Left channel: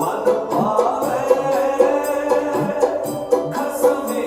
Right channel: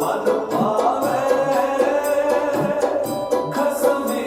मन पावे खसमी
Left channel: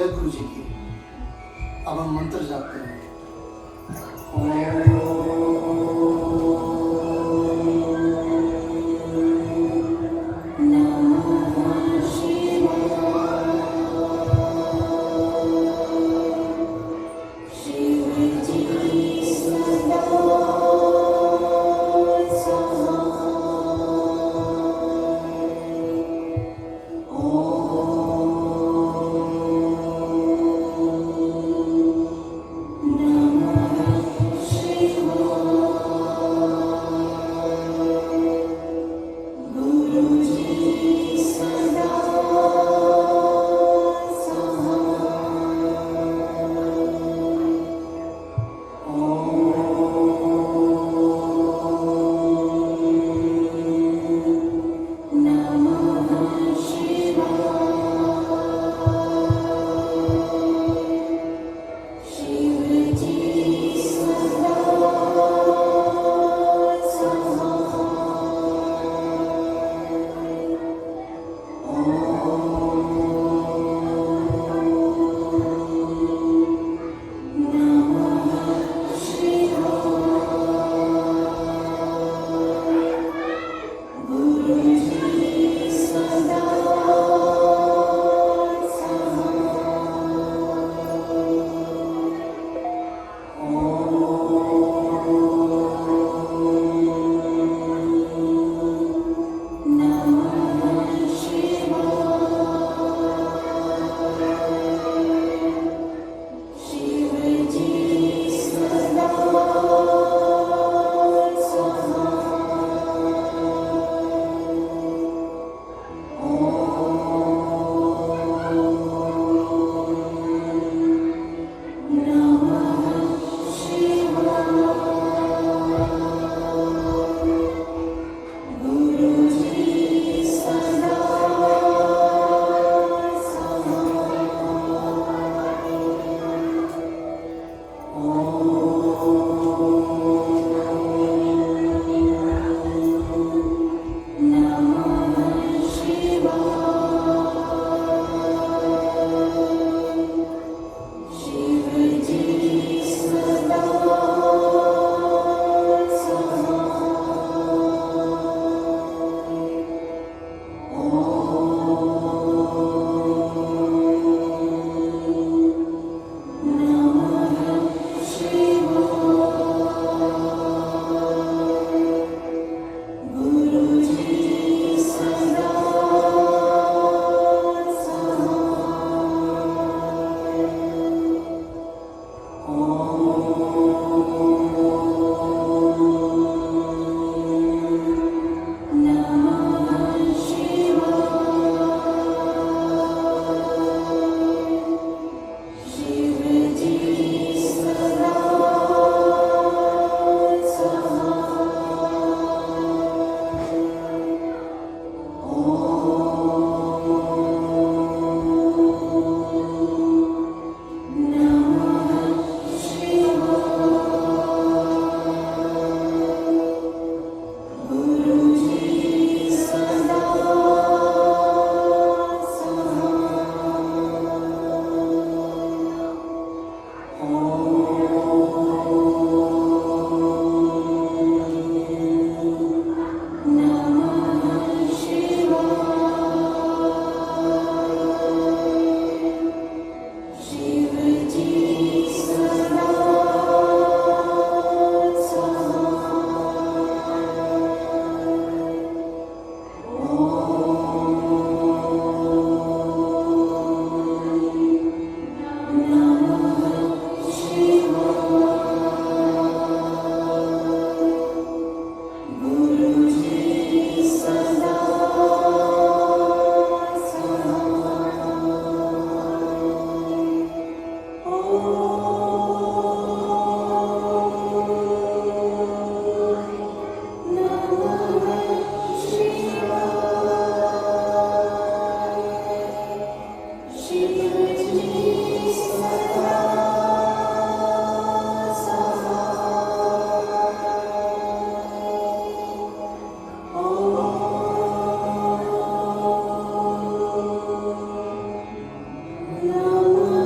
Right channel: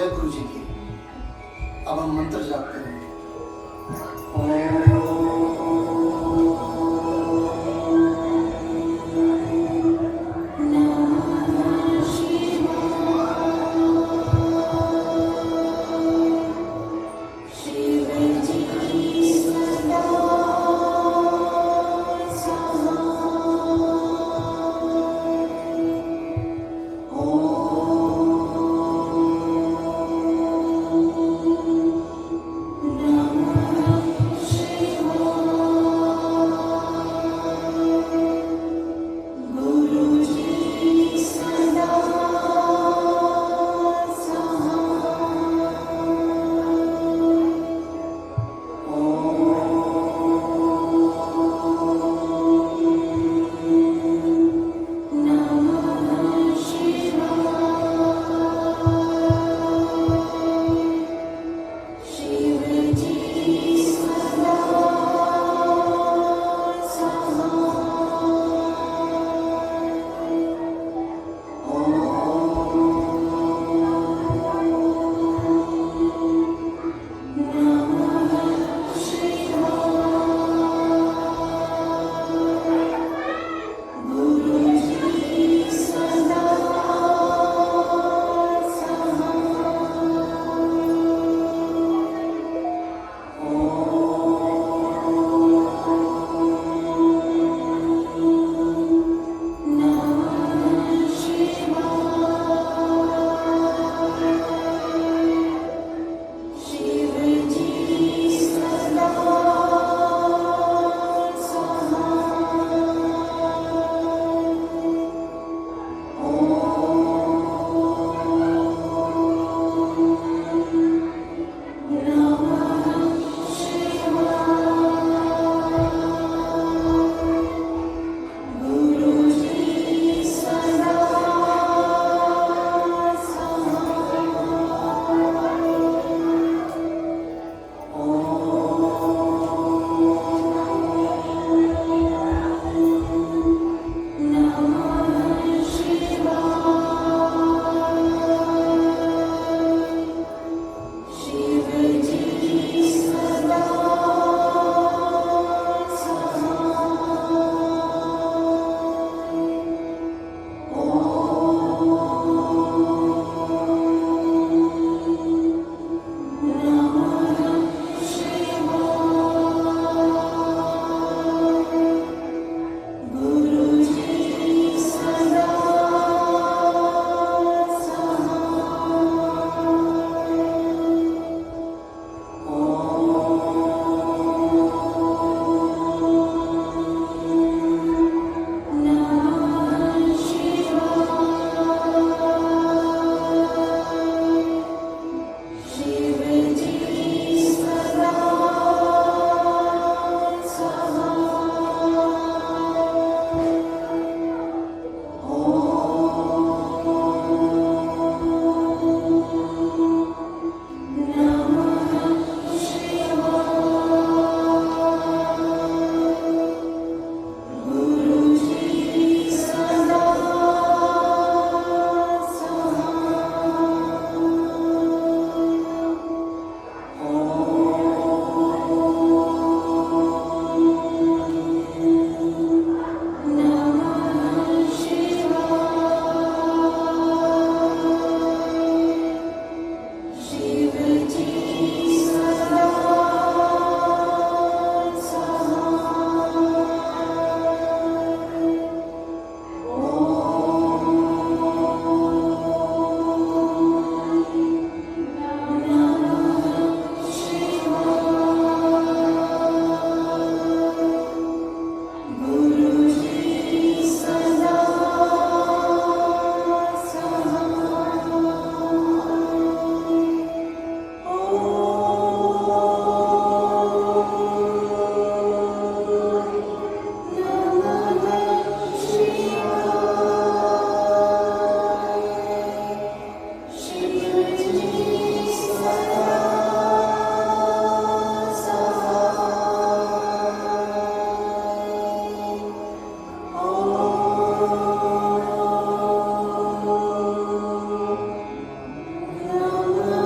जय गुरु जी की। अब हम मंत्र जाप करेंगे। Namo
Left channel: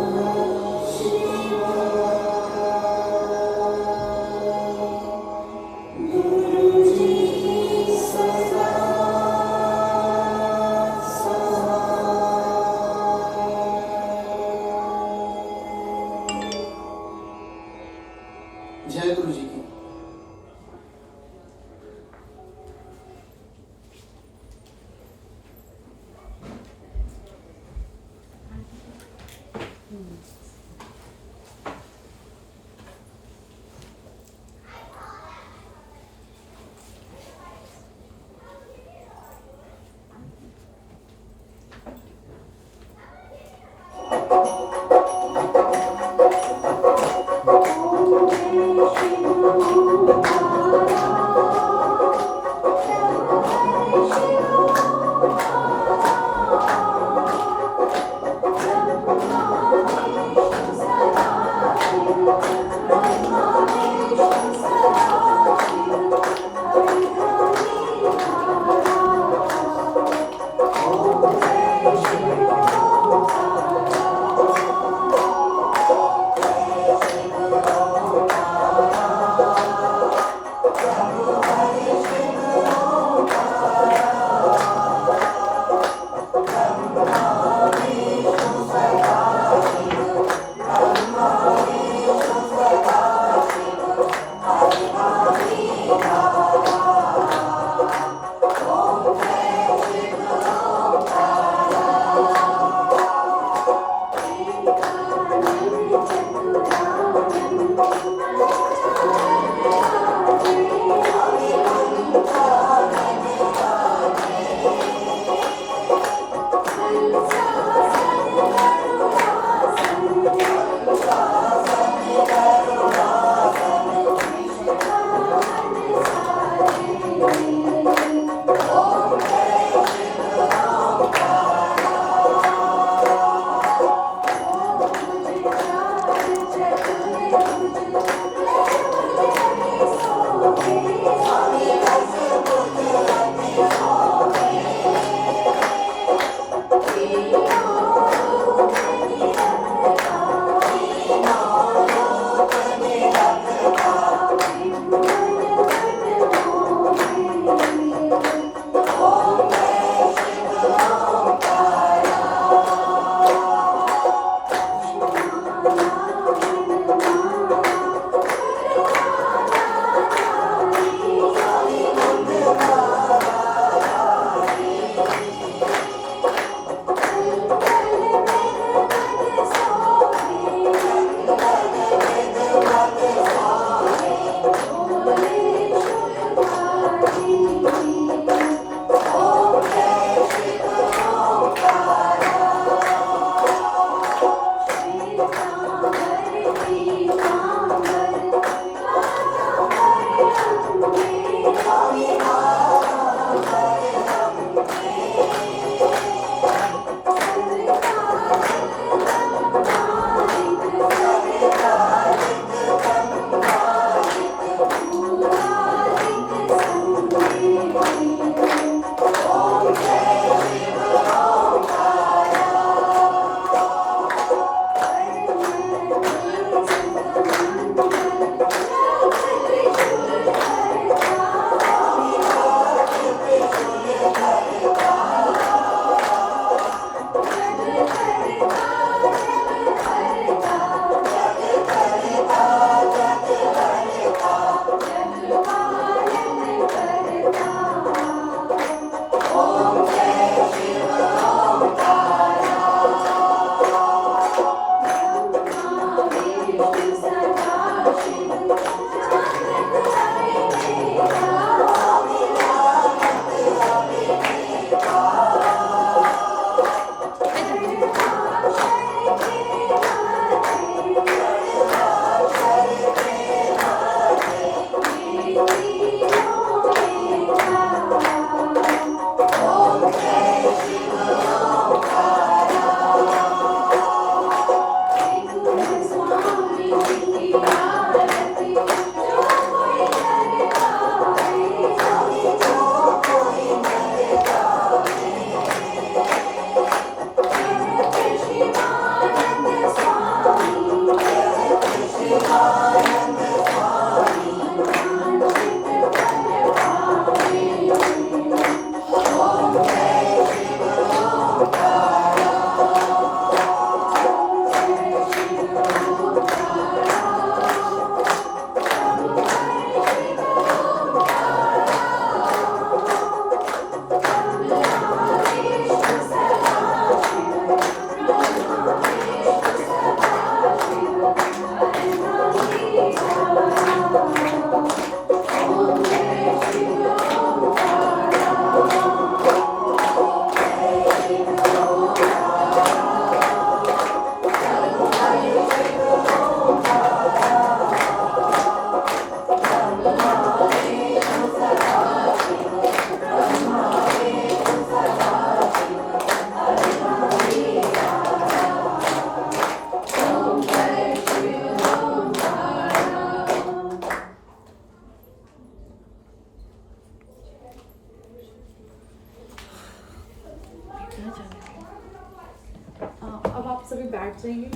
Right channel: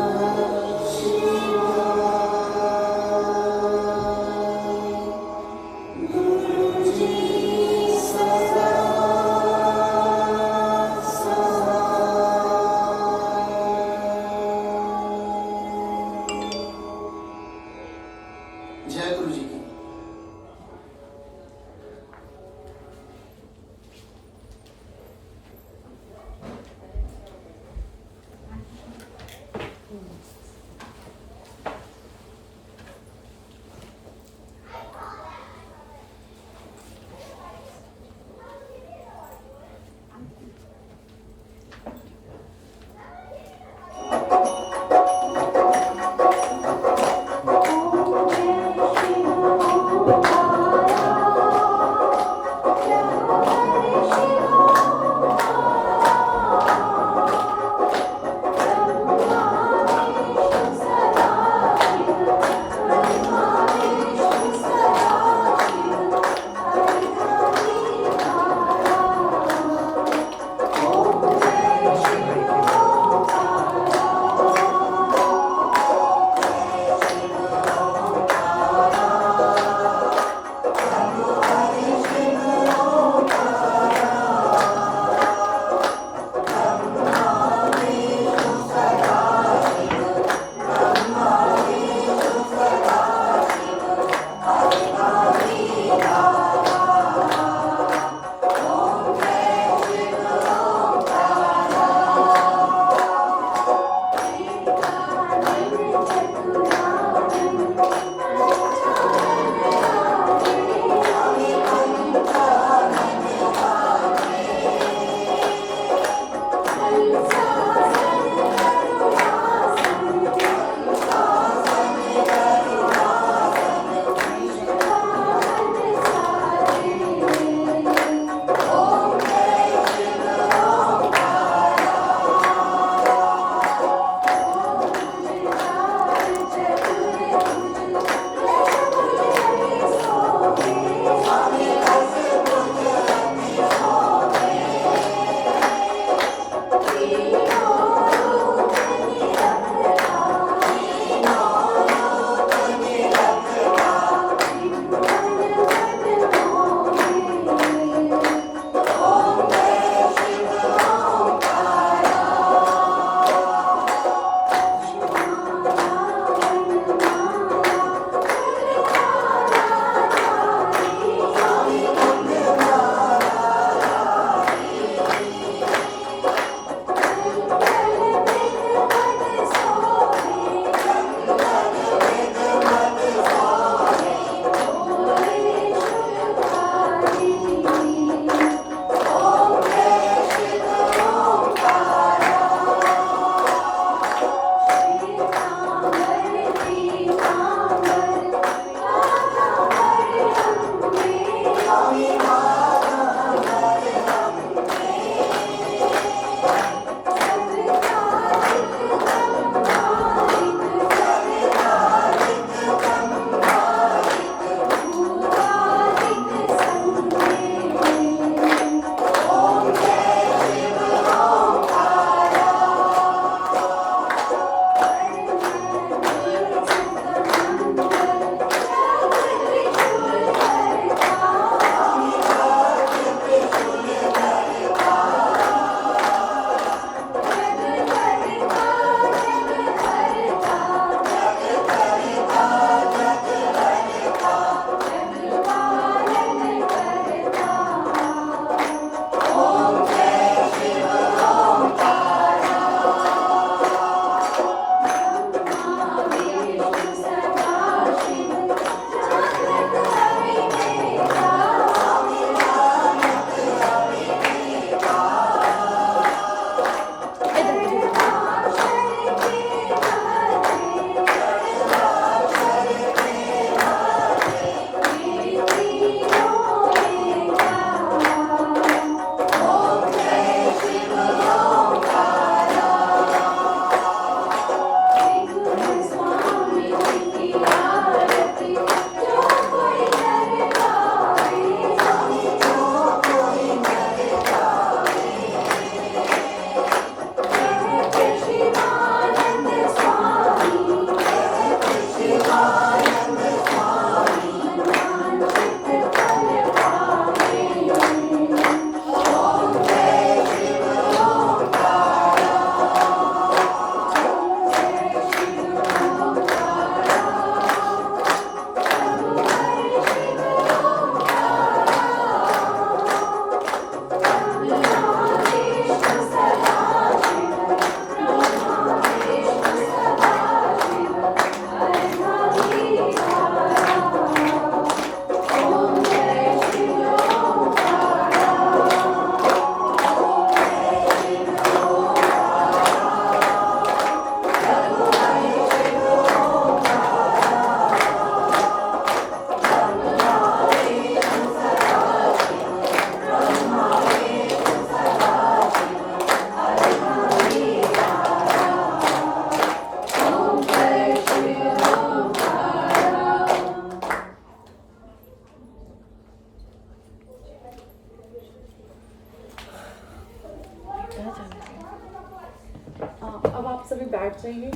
अब आप सभी बैठ जाएंगे।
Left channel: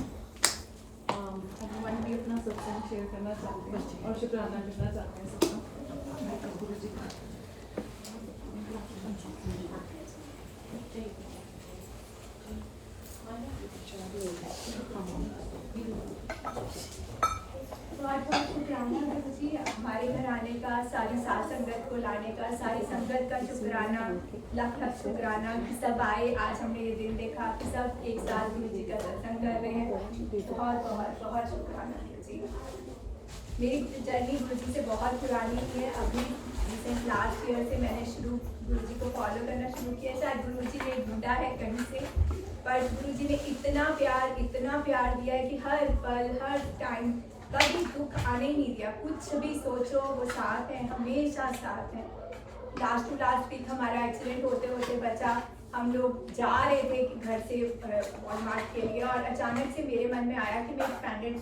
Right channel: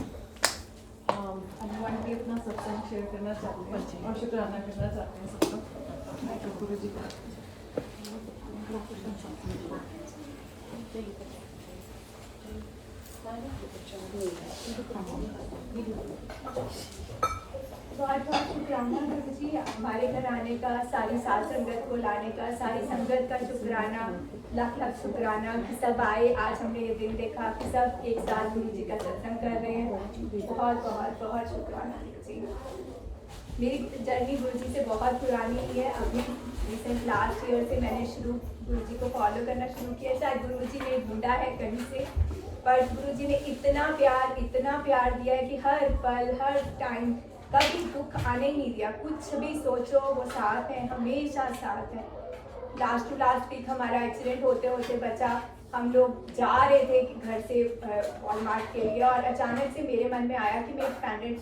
भगवान की अपना सत्संग शेयर करना चाहते हैं और शुक्राना करना चाहते हैं सबका। मैं गुरु जी को तो आज हम शुक्राना गुरु जी हमारे घर आने का, सारी साथ संगत को लाने का, सारी संगत का शुक्राना, लाख लाख शुक्राना कि सब आए। आज हमने ये दिन देखा कि सब एक साथ गुरु जी का सत्संग कर रहे हैं। बहुत बहुत बहुत शुक्राना जी। मेरी जर्नी गुरु जी से बहुत पुरानी है। अभी रिसेंट लास्ट ईयर से मैंने गुरु जी को फॉलो करना शुरू किया। शायद गुरु जी ने ढूंढा है कहीं से, पर गुरु जी ने इतना प्यार दिया है कि हर पल हर टाइम कभी दुख आने ही नहीं दिया। कुछ भी सोचो वो साथ है, हमेशा साथ है। लास्ट टू लास्ट वीक हमारा एक्सीडेंट होते होते बचा। हम लोग जा रहे थे घर से वॉलमार्ट के लिए और अचानक से मेरे मन में आया कि मैं एक पैंडेंट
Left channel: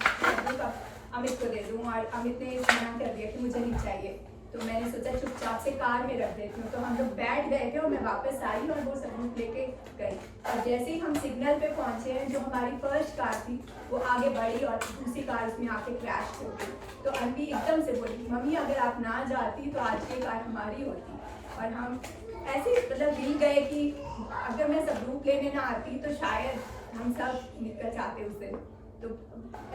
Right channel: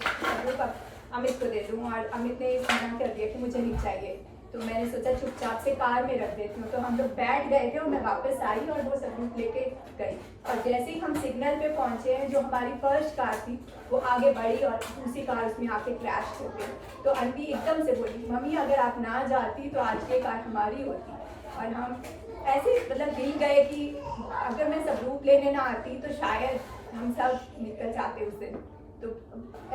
अमित को दे दूँ, और अमित ने मना कर दिया कि मुझे नहीं चाहिए। तो मैंने सोचा चुपचाप से कार में रख देती हूँ। तो हम लोग बैठ गए थे और मैं वापस आई और वो सबूत लेके गई। और जैसे ही हम सिग्नल पे पहुंचे हैं, जो हमारी फर्स्ट कार थी वो आगे बढ़ी और दूसरी कार उसमें आके क्रैश हो गई। तो आंटी एकदम से बोली, मम्मी अगर आप ना जाती तो आज की कार हमारी होती। और हम ऐसे मतलब हिल गए कि अगर मैं सबूत लेने ना आती तो शायद हम सब निकल जाते उस दिन। तो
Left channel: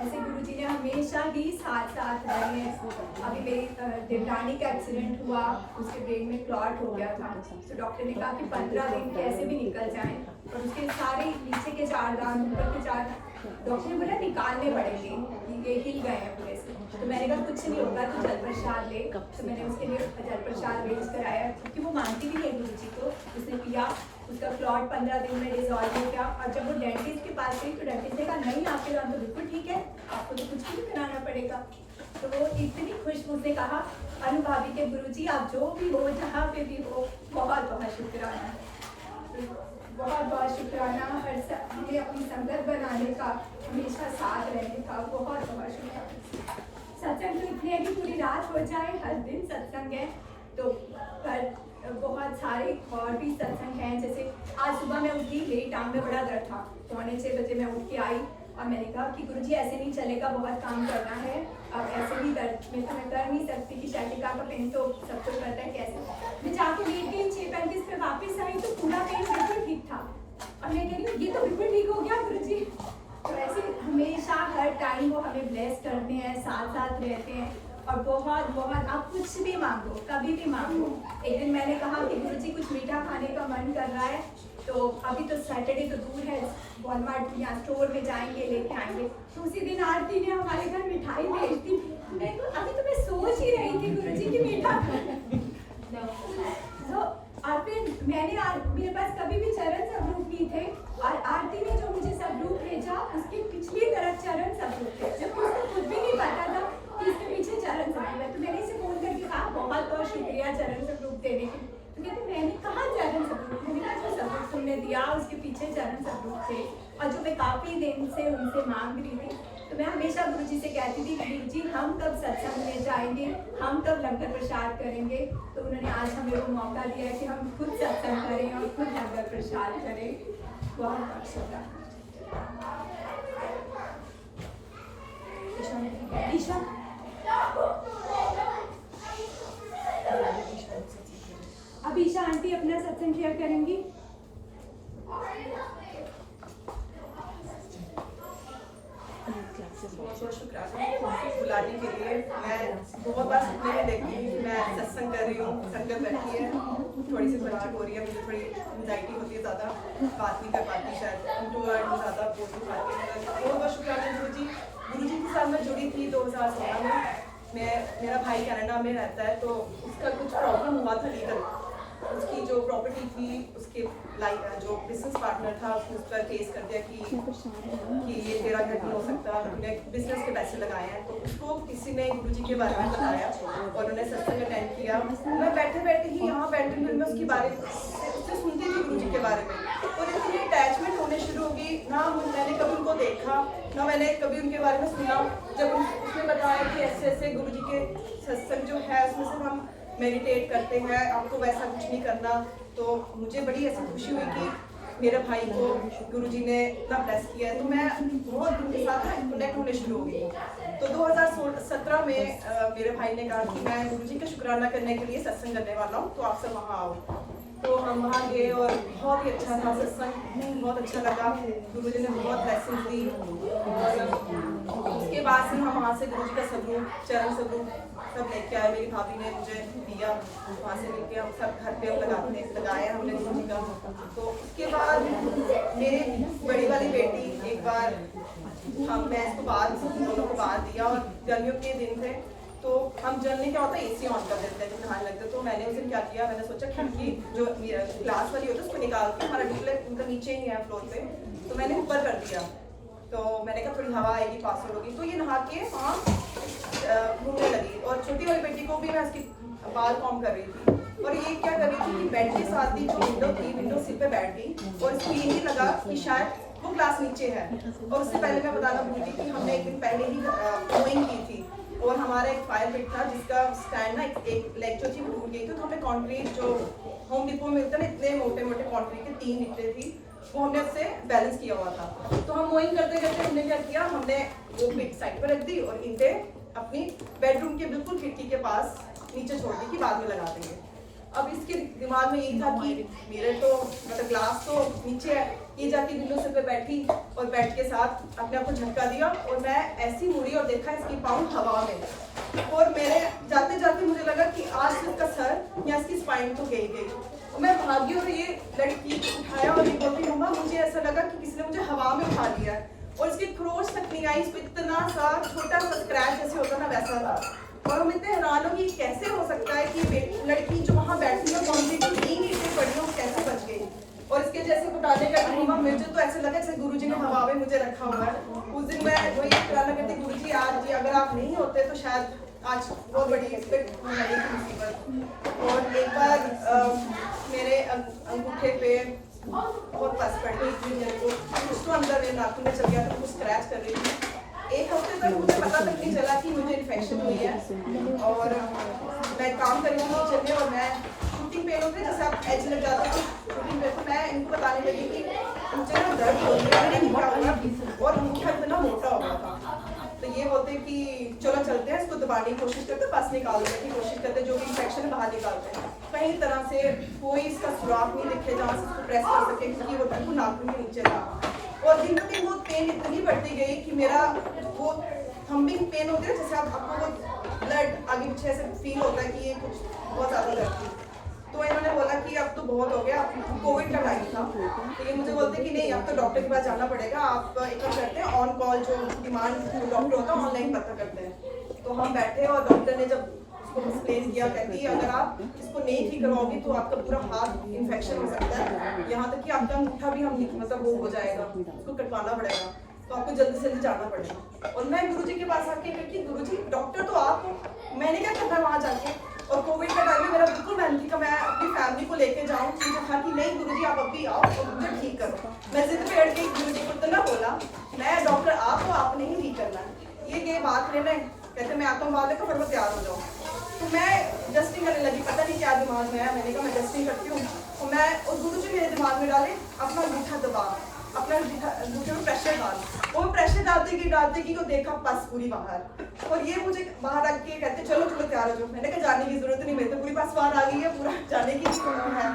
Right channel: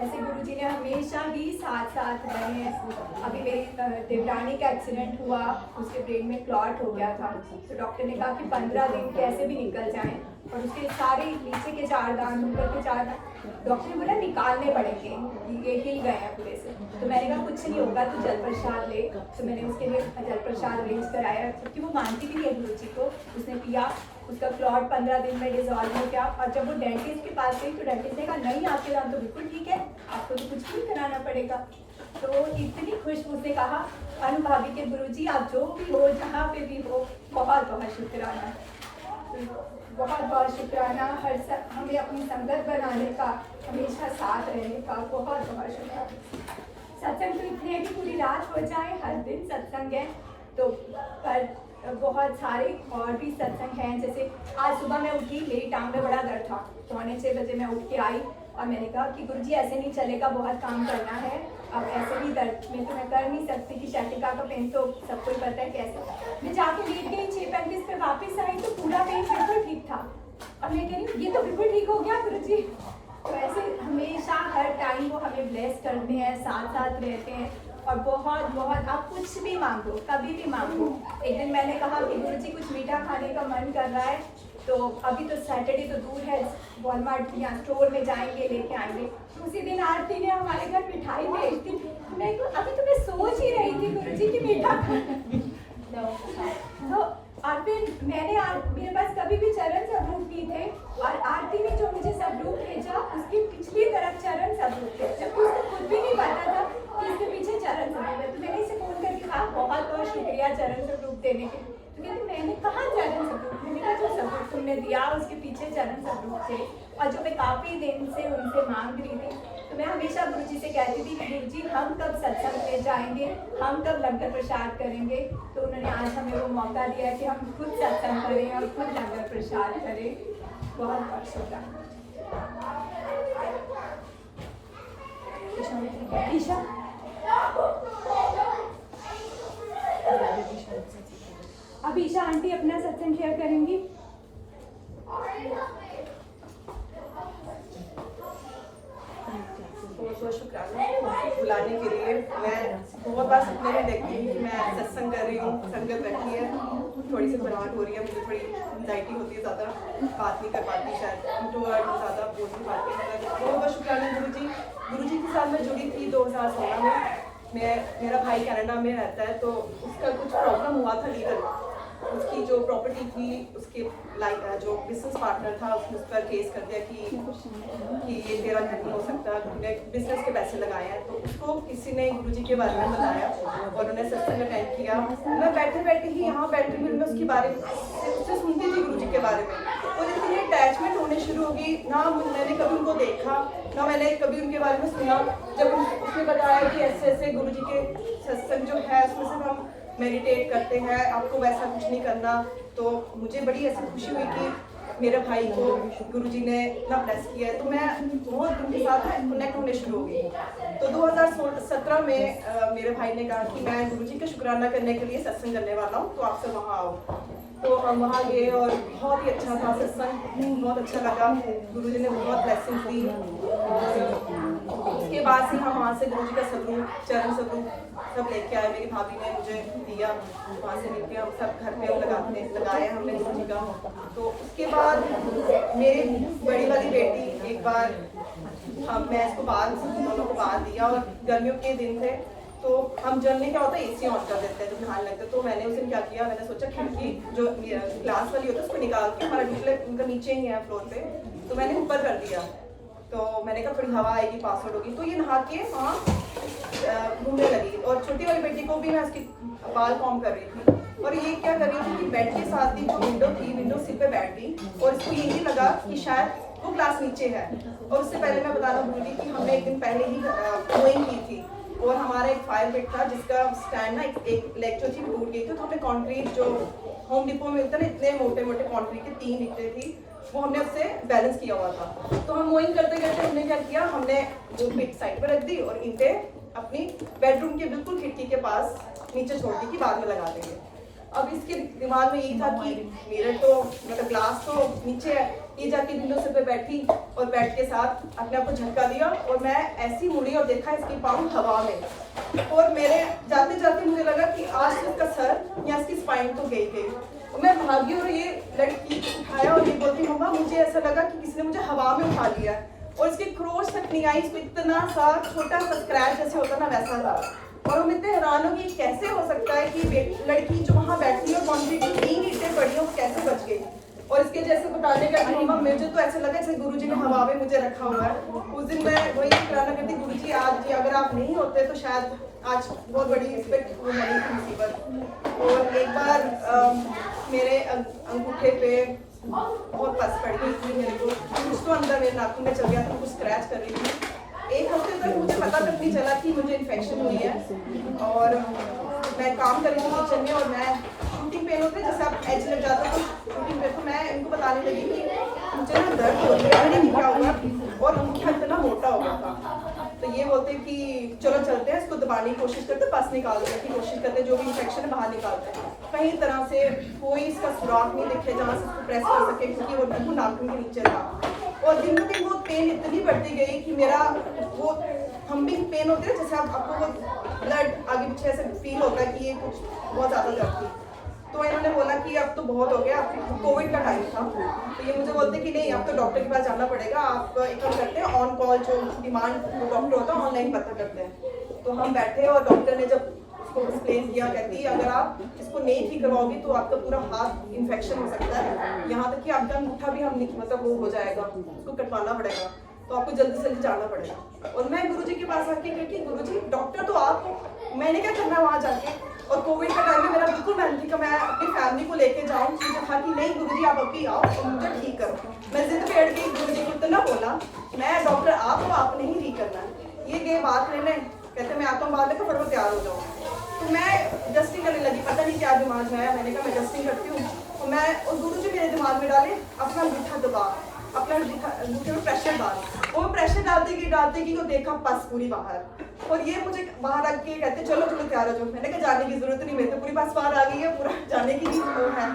ऐसे गुरु जी ने हमेशा ही साथ रहे। अभी मेरी देवरानी का एक्सीडेंट हुआ, उसके ब्रेन में क्लॉट हो गया था। तो डॉक्टर ने कहा कि 15 दिन कैसे भी निकल जाएं, और उसके सारे नीचे के 4 दांत, ऊपर के 4 दांत डॉक्टर ने बोला निकालने पड़ेंगे, ये हिल गए हैं पूरे से। तो मैंने कहा कुछ नहीं होगा, तो जल प्रसाद ले। तो मैंने उसके लिए जल प्रसाद अरेंज कराया, क्योंकि वो मानती भी है गुरु जी को। उसने पिया, उसका क्लॉट 15 दिन में डिजॉल्व हो गया। और जब वो डेंटिस्ट के पास गई तो डेंटिस्ट ने कहा नहीं आपके दांत तो बिल्कुल ठीक है, आपको तो कुछ भी कराना पड़ेगा। तो इतनी खुश उसने कहा, अनु भाभी के गुरुजी आप जो भी हो, जहाँ पे भी हो, बहुत बहुत शुक्राना, बहुत बहुत शुक्राना। हमें अपनी संगत बनाने का, हमेशा साथ रहने का बहुत बहुत शुक्राना। सत्संग तो इतने है कि पूरी रात हो जाए, हर दिन सत्संग है। तो पर बहुत सारे और भी सत्संग हैं। जैसे आज सुबह मैं उठी, मेरी टांग में बड़ा दर्द था, 6:45 बजे मैं उठ के आई और मैंने कहा कि गुरुजी ऐसे नहीं चलेगा, बहुत काम करना है। अब ऐसे भी दर्द में तो मैं कर नहीं सकती कि शैटिका का पेन तो सबको ही पता है कैसे। मैं जाके लेट गई, 6:35 पे वापस आई तो पूरा पेन बिल्कुल ठीक था। और मैं कह रही ये तो बिल्कुल ठीक हो गया गुरुजी। तो ऐसे हमेशा हर टाइम वो हमें ब्लेस करते हैं, साथ साथ रहते हैं। और बहुत बहुत आप कुछ भी मांगो, कभी भी मांगो। एक दिन मैंने कहा कि गुरुजी कुछ मीठा खाने का मन कर रहा है, तो अभी तो सैटरडे तो दूर है, वॉलमार्ट या स्टोर में जाएंगे, लेके आएंगे। तो उसी दिन आरती ने हमारे घर मिठाई भेज दी। मैं अभी तो मैं सोच ही रही थी गुरुजी की मीठा तो और फिर मैंने मेरे पास कभी भी चरण स्वरूप नहीं थे, और आरती ने जो मुझे स्वरूप भेजा उसकी पिछली तरफ चरण स्वरूप थे, जबकि उसको खुद भी नहीं पता था कि इसके पीछे चरण स्वरूप है। तो मैंने इसे फोन करके कहा बहुत बहुत शुक्रिया चरण स्वरूप देने के। तो कहते मैंने कहा चरण स्वरूप, मैंने कहा जो स्वरूप तुमने दिया उसके पीछे चरण स्वरूप थे, और जो मैं काफी दिन से उनसे मांग रही थी। तो मैं हमेशा गुरु जी से कहती थी कि गुरु जी हम कब सत्संग में जाएंगे, हम कब लंगर प्रसाद करेंगे। तो उन्होंने आज हमें वो मौका दिया कि हम खुद सत्संग करें और खुद लंगर प्रसाद करें। बहुत बहुत शुक्रिया। ईशा अब ईशा आंटी अपना सत्संग शेयर करेंगी। बहुत शुक्राना बुलाने के लिए। मैं बहुत बार सपने में देखती हूँ कि मैं सत्संग कर रही हूँ, संगत बैठी है, थोड़ी सी घबराहट हो रही है, मुझे थोड़ी एंजाइटी होती है, ज़्यादा बात नहीं कर पाती, शायद इंट्रोवर्ट हूँ, ज़्यादा बोल नहीं पाती। बहुत बहुत शुक्राना गुरु जी के साथ मैं जुड़ी थी 2016 में। मेरा भाई कनाडा में रहता है, तो उसका कुछ प्रॉब्लम हुआ था लीगल। उसकी जो प्रॉपर्टी थी, उसके जो बिजनेस पार्टनर था उसने उस पर केस कर दिया कि ये तेरा नहीं हो सकता, तूने बिजनेस के पैसे लगाए हैं। तो उसको किसी ने गुरुजी के बारे में बताया और उन्होंने सत्संग अटेंड किया। मैं बैठे बैठे ही यहाँ बैठी हुई मैं उसके बारे में उससे सुनती थी गुरुजी के बारे में, और इतनी अटैचमेंट होने शुरू हो गई। ना मैंने कभी उनको देखा, ना मैंने कभी उनके बारे में सुना। जब उसने बताया कि ऐसे ऐसे गुरुजी के सत्संग जो है उसमें सिर्फ हम मेडिटेट करते हैं, आपको वैसा कुछ नहीं करना, तो मुझे बड़ी ऐसी खुशी हुई कि मेरे भाई को गुरुजी ने इतना ब्लेस किया है। तो मैं बहुत उनके साथ कनेक्ट होने शुरू हो गई। तो 2017 में मेरे भाई ने कहा कि मैं गुरुजी का शुक्राना करने के लिए सत्संग करने वाला हूँ, तो आप सब वहाँ आओ। तो हम वहाँ गए और बहुत ही अच्छा था सत्संग, बहुत अच्छा लगा। गुरुजी ने बहुत ब्लेसिंग दी, और उसके बाद से हम वहाँ से गुरुजी का स्वरूप, चरण स्वरूप सब लेके आए, मेरी भाभी ने मुझे दिया, वहाँ से मिलके हम सब घर पे लगाया हमने गुरुजी का। तो उसके बाद मेरी बड़ी वाली बेटी एक बार मैं इसको बाहर दोनों को बाहर दिया, और गर्मियों के दिन थे तो हम जलने क्या होता है एसी ऑन कर देते हैं तो नहाने लगते हैं। तो मैंने उस दिन क्या किया, मैंने सोचा खिड़की जो ग्लास वाली होती है उसको निकाल के, हमारा डिस्प्ले उनका नीचे ही है फ्लोर पे, तो मैंने ऊपर कर दिया। तो मैंने कहा थोड़ी हवा आएगी, पास होगी, तो ये नहा के वहाँ घूमने लगी। और छोटी वाली बेटी को भी मैं उसकी बाल कॉम कर रही थी, और ये क्या कर रही थी कि बेड के साथ ही जो विंडो थी, विंडो सीट पे बैठ गई, और इसको ये नहीं लगा कि शायद वो क्लास नीचे है। और उससे पहले मैं बताना भूल गई कि हमने एक दिन पहले ही गोइंग की थी, और हमारा एक फायर ब्रिक था जिसका स्टैंड ना एक लेग जो थी टूट गई थी, तो हमने कंक्रीट जो होम डिपो में मिलता है ना, इतने मोटे मोटे कंक्रीट के 3 निकले थी, वो हमने उससे बैलेंस किया हुआ था। तो हम गोइंग करते करते हमने क्या किया, हमने वो पिट साइड पर रख दी और ईंटें अपनी बेडरूम के बिल्कुल खिड़की के पास नीचे छोड़ दी कि बाद में लगा देंगे। अब इसके दिमाग में यही था कि मेरे तो मतलब ग्लास तो नीचे है, ये जाके विंडो से पे बैठी और बेड के साथ अपने आप को झटका दिया, और मैं ऐसी मुड़ी और देखा इसके पाँव हवा में, और मेरे जाते जाते मुझे लगा कि आज से इसका सर या इसकी स्पाइन तो गई। और मैं भागी और ये लड़की उठाया और ये बोलती मम्मा मुझे ऐसा लगा कि किसी ने मुझे हवा में उठा लिया है, और इसकी क्रोच तक नहीं आई, इसको इतना सा छोटा सा स्क्रैच जैसे होता ना वैसा था। और हम इतने हैरान हो कि कैसे हो सकता है कि लड़की जो वहाँ बैठी है कंक्रीट की 3 ईंटें पड़ी हो, कैसे बच गई। और इसके जैसे बताने का कि मम्मा मुझे तो ऐसा लगा जैसे गुरुजी ने हवा में मुझे रखा हुआ है। उस दिन मैं वही कहना करती गुरुजी आज अगर आप नहीं होते तो शायद आज बहुत बड़ी एक्सपेक्ट हो जानी थी मुसीबत। और एक बार मेरे अंगूठे पे बहुत पस पड़ गई थी, मेरे को कुछ तो अंदर मेरे नाखून में चल गया तो कुछ स्क्रैच कर रही थी। 1 हफ्ते तक मुझे पता तक नहीं चला कि मुझे इन्फेक्शन हुई है। और मैं काम कर रही हूँ किचन में, और मैं शूटिंग पेन होते जैसे आप एज लग जाता तो शूटिंग पेन, तो मैं इनको बताने लगी कि मुझे ना दर्द हो रही है, मैंने लिखा हुआ, और उनकी हाथ इतना मोटा हो गया था। तो ये बोलते कि चलो चलते हैं, इसको दबाने की कोशिश करते, पस निकालने की कोशिश करते, जो भी इन्फेक्शन है बाहर निकालते हैं। कहीं तरह से कोई इसका सुराख नहीं दिखे जहाँ से इसको प्रेस कर सके, क्योंकि वो बिल्कुल नाखून के नीचे था। और दिन ब दिन वो पेन इतनी बढ़ती गई कि मेरा वो थंबिंग पेन होती है जैसे आपको वो ब्लड आगे पीछे ऐसे फील होता है कि ये कुछ बहुत ज़्यादा दर्द थी। तो इन्होंने बोला कि अब तो बहुत हो गया, कोविड का टाइम था, तो ये मुझे बोलते कि नहीं अब तो डॉक्टर के पास जाना पड़ेगा, आप एक काम करते हैं ऑन कॉल जो डिमांड डॉक्टर होता है ऑनलाइन पता करते हैं। तो हम बैठे और डॉक्टर ने जब उसको एक्सप्लेन किया, कहती अगर आप इसको नहीं ठीक करवाओगे तो आपका पूरा हाथ इन्फेक्शन हो सकता है, यहाँ तक कि आपका अंगूठा भी हम मतलब वो हो जाएगा, उसको कटवाना पड़ेगा, तो आपको जल्दी से जल्दी जाना पड़ेगा। और मैं गुरुजी के पास आके कहती गुरुजी डॉक्टर तो आप हो, मैंने क्या करना है वहाँ जाके। और कोविड का टाइम में मेरा बिल्कुल मन थी कि मैं अपनी फैमिली को लेके जाऊँ, मुझे कहा कि नहीं गुरुजी आप अभी आओ और मुझे ठीक करो। मैं जिद पे अड़ गई, गुरुजी को इतना बोला मैं डॉक्टर आप हो, आपने ही ठीक करना है। ये गए बात लेने, कहते मैं आता हूँ बाहर लेकर, फिर वो तैयार हो जाऊँ। तो मैं जस्टिंग करने लगी, पता नहीं क्या दिमाग में आया, मैंने कहा मैं जस्टिंग करती हूँ। तो मैं और गुरुजी मेरे दिमाग में डाले अपना अंगूठा दबा, अपना अंगूठे में प्रेशर डाल, वो प्रेशर डालते कि वो देखा पस पूरी बाहर। और ये मुझे बाहर आके कहते चलो चलो तैयार हो जाओ। मैंने कहा जाने की जरूरत नहीं, मेरे तो पूरी पस बाहर आ गई है, पूरा जाने की भी है।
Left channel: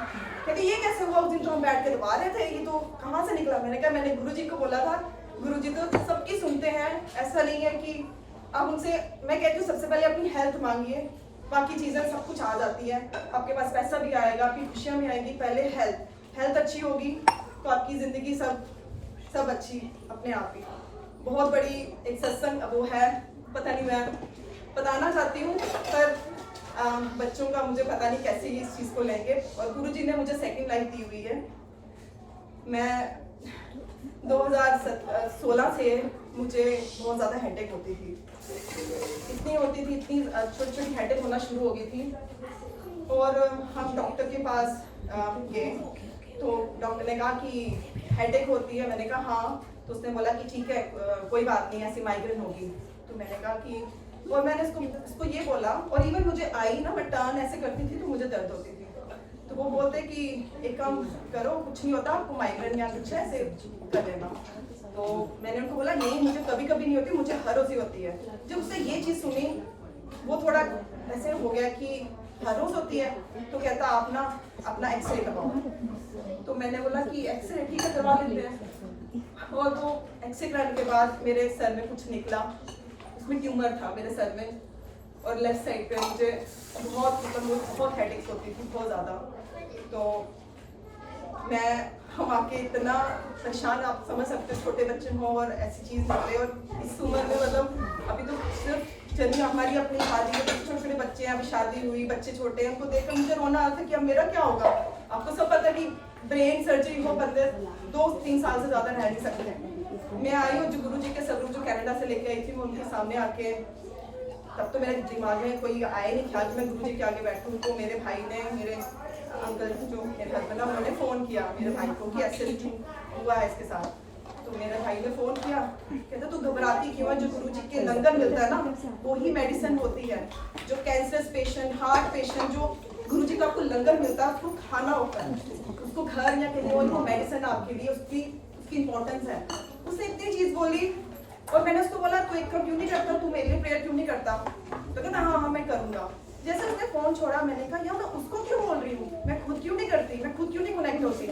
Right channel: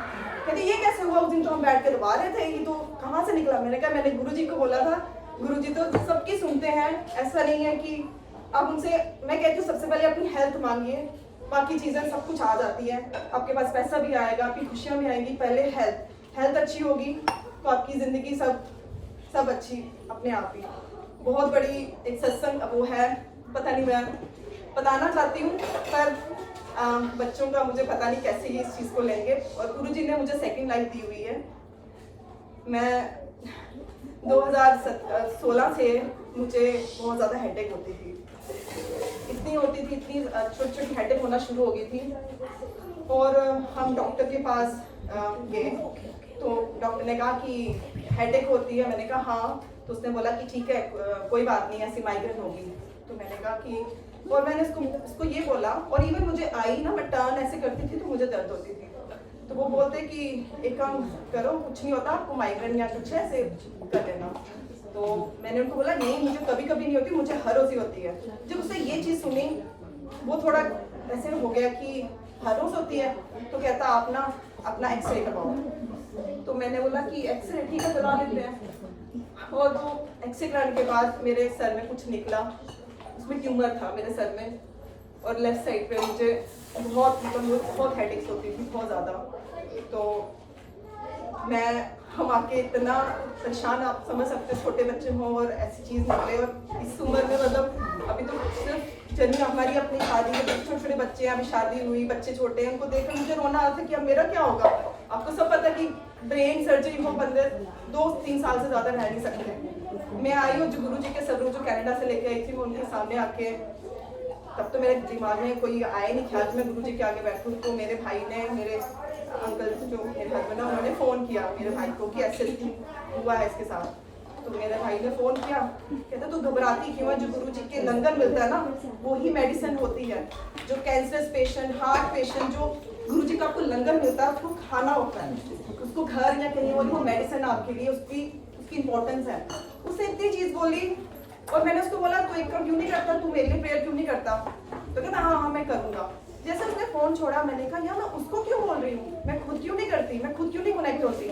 कहते ये कैसे हुआ, उस दिन तो हम बैठ के दबा रहे थे, ये तो कहाँ से निकला। मैंने कहा मैंने गुरुजी को बोला था, गुरुजी तो सबकी सुनते हैं, ऐसा नहीं है कि अब उनसे मैं कहती हूँ सबसे पहले अपनी हेल्थ मांगिए, बाकी चीज़ें सब कुछ आ जाती है, आपके पास पैसा भी आएगा, आपकी खुशियाँ भी आएगी, पहले हेल्थ अच्छी होगी तो आपकी ज़िंदगी सब अच्छी अपने आप ही। बहुत बड़ी एक सत्संग वो है, पता नहीं मैं बताना चाहती हूँ पर बच्चों का मुझे पता नहीं कैसे ये इस चीज़ को लेंगे। और गुरुजी ने मुझे सेकंड लाइफ दी हुई है। मैं 2016 से मुझे बहुत ज़्यादा हेडेक होती थी, इतनी छोटी छोटी हेडेक होना शुरू हो गई थी। और हम डॉक्टर के पास गए तो डॉक्टर ने कहा कि हेडेक होती है, मैंने कहा हाँ। तो उसने बोला कि ठीक है कोई बात नहीं, ऐसी माइग्रेन होगी। तो मैंने कहा कि, और मैंने उसको ये बोला, और इवन मुझे आई ना, मैं टर्न ऐसे करती थी तो मुझे दर्द होती थी। तो वो बोलते कि एक काम करो, कुछ नहीं होता आपको, माइग्रेन या कुछ ऐसे कर लेना। तो मैंने उनको बोला नहीं मुझे कभी कभी नहीं होती, मुझे हर रोज ही होती है। जब उसने ये चीज़ सुनी वो थोड़ा ऐसे हो गया कि हर रोज होती है, तो कहता आप ना अपना एक्सरे करवाओ। तो मैंने बोला कि एक्सरे ठीक है करवा लेते हैं। और वो एक्सरे कराने के बाद मेरे सर में कुछ निकला, उसमें ट्यूमर था मेरे सर में, और लेफ्ट साइड पे मुझे बहुत हेडेक्स होती थी, बहुत ज़्यादा। तो हम आके इतना परेशान, आप समझ सकते हो, छोटे बच्चे हों और ऐसी चीज़ निकले, और इस उम्र में मतलब अभी तो सिर्फ चलिए हमारी अपनी शादी है, छोटे छोटे बच्चे हैं, अभी शादी हुई, बच्चे छोटे हैं, उनको देखकर मुझे रोना आता था कि अब मेरा क्या होगा। आपको सब पता कि ब्रेन सर्जरी हो बंदे 2-3 साल से ज़्यादा रह नहीं सकते। मैं आई हूँ जो गुरु जी के सलूट जो कनाडा से लेके आई थी, मैं उनके सामने आके, तब तो मेरे दिमाग में कोई आया नहीं ख्याल कि मैं गुरु जी के आगे बैठूँ। तो मेरे भाई ने, मेरे अंकल जो मेरे घर में ना, उन्होंने फ़ोन किया मेरे भाई को कि ऐसे हुआ है इसके साथ। तो मेरे भाई ने फ़ोन किया, कहते तू घबराती क्यों है, जो गुरु जी के लंगर मिलता है ना वो ही मेडिसिन होती है। जो कैंसर पेशेंट, हार्ट पेशेंट, जो गुरु जी का आपको लंगर मिलता है उसको खाना होता है, उसको घर या कहीं और वो मेडिसिन आपके लिए, उसकी इंपॉर्टेंस है। उसने इतनी चीज़ बोली, और मैंने उसको बोला तू एक काम क्यों नहीं करता, तू मेरे लिए प्रेयर क्यों नहीं करता। तो कहता हाँ मैं करूँगा। जैसे उसने फ़ोन छोड़ा, मैंने कहा यार मैं उसको क्यों बोल रही हूँ, मैं खुद क्यों नहीं करती, मैं खुद क्यों नहीं कनेक्ट होती।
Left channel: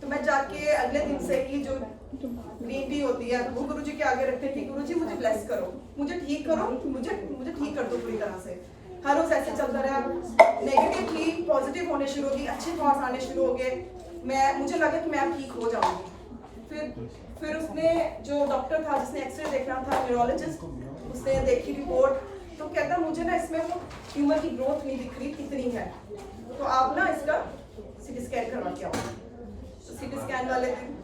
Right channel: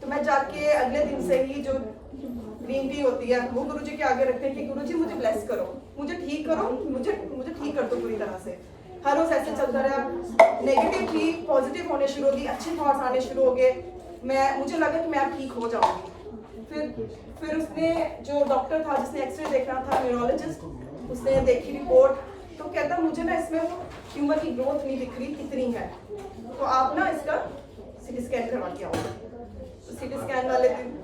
तो मैं जाके अगले दिन से ही जो ग्रीन टी होती है वो गुरु जी के आगे रखते थी, गुरु जी मुझे ब्लेस करो, मुझे ठीक करो, मुझे ठीक कर दो पूरी तरह से। हर रोज़ ऐसे चलता रहा, नेगेटिव थी पॉजिटिव होने शुरू हो गई, अच्छे थॉट्स आने शुरू हो गए। मुझे लगा कि मैं ठीक हो जाऊँगी। फिर उसने जो डॉक्टर था जिसने एक्सरे देखना था, न्यूरोलॉजिस्ट, उसने देखी रिपोर्ट, तो कहता मुझे ना इसमें वो ट्यूमर की ग्रोथ नहीं दिख रही कितनी है, तो आप ना इसका सीटी स्कैन करवा के आओ। तो सीटी स्कैन वाले दिन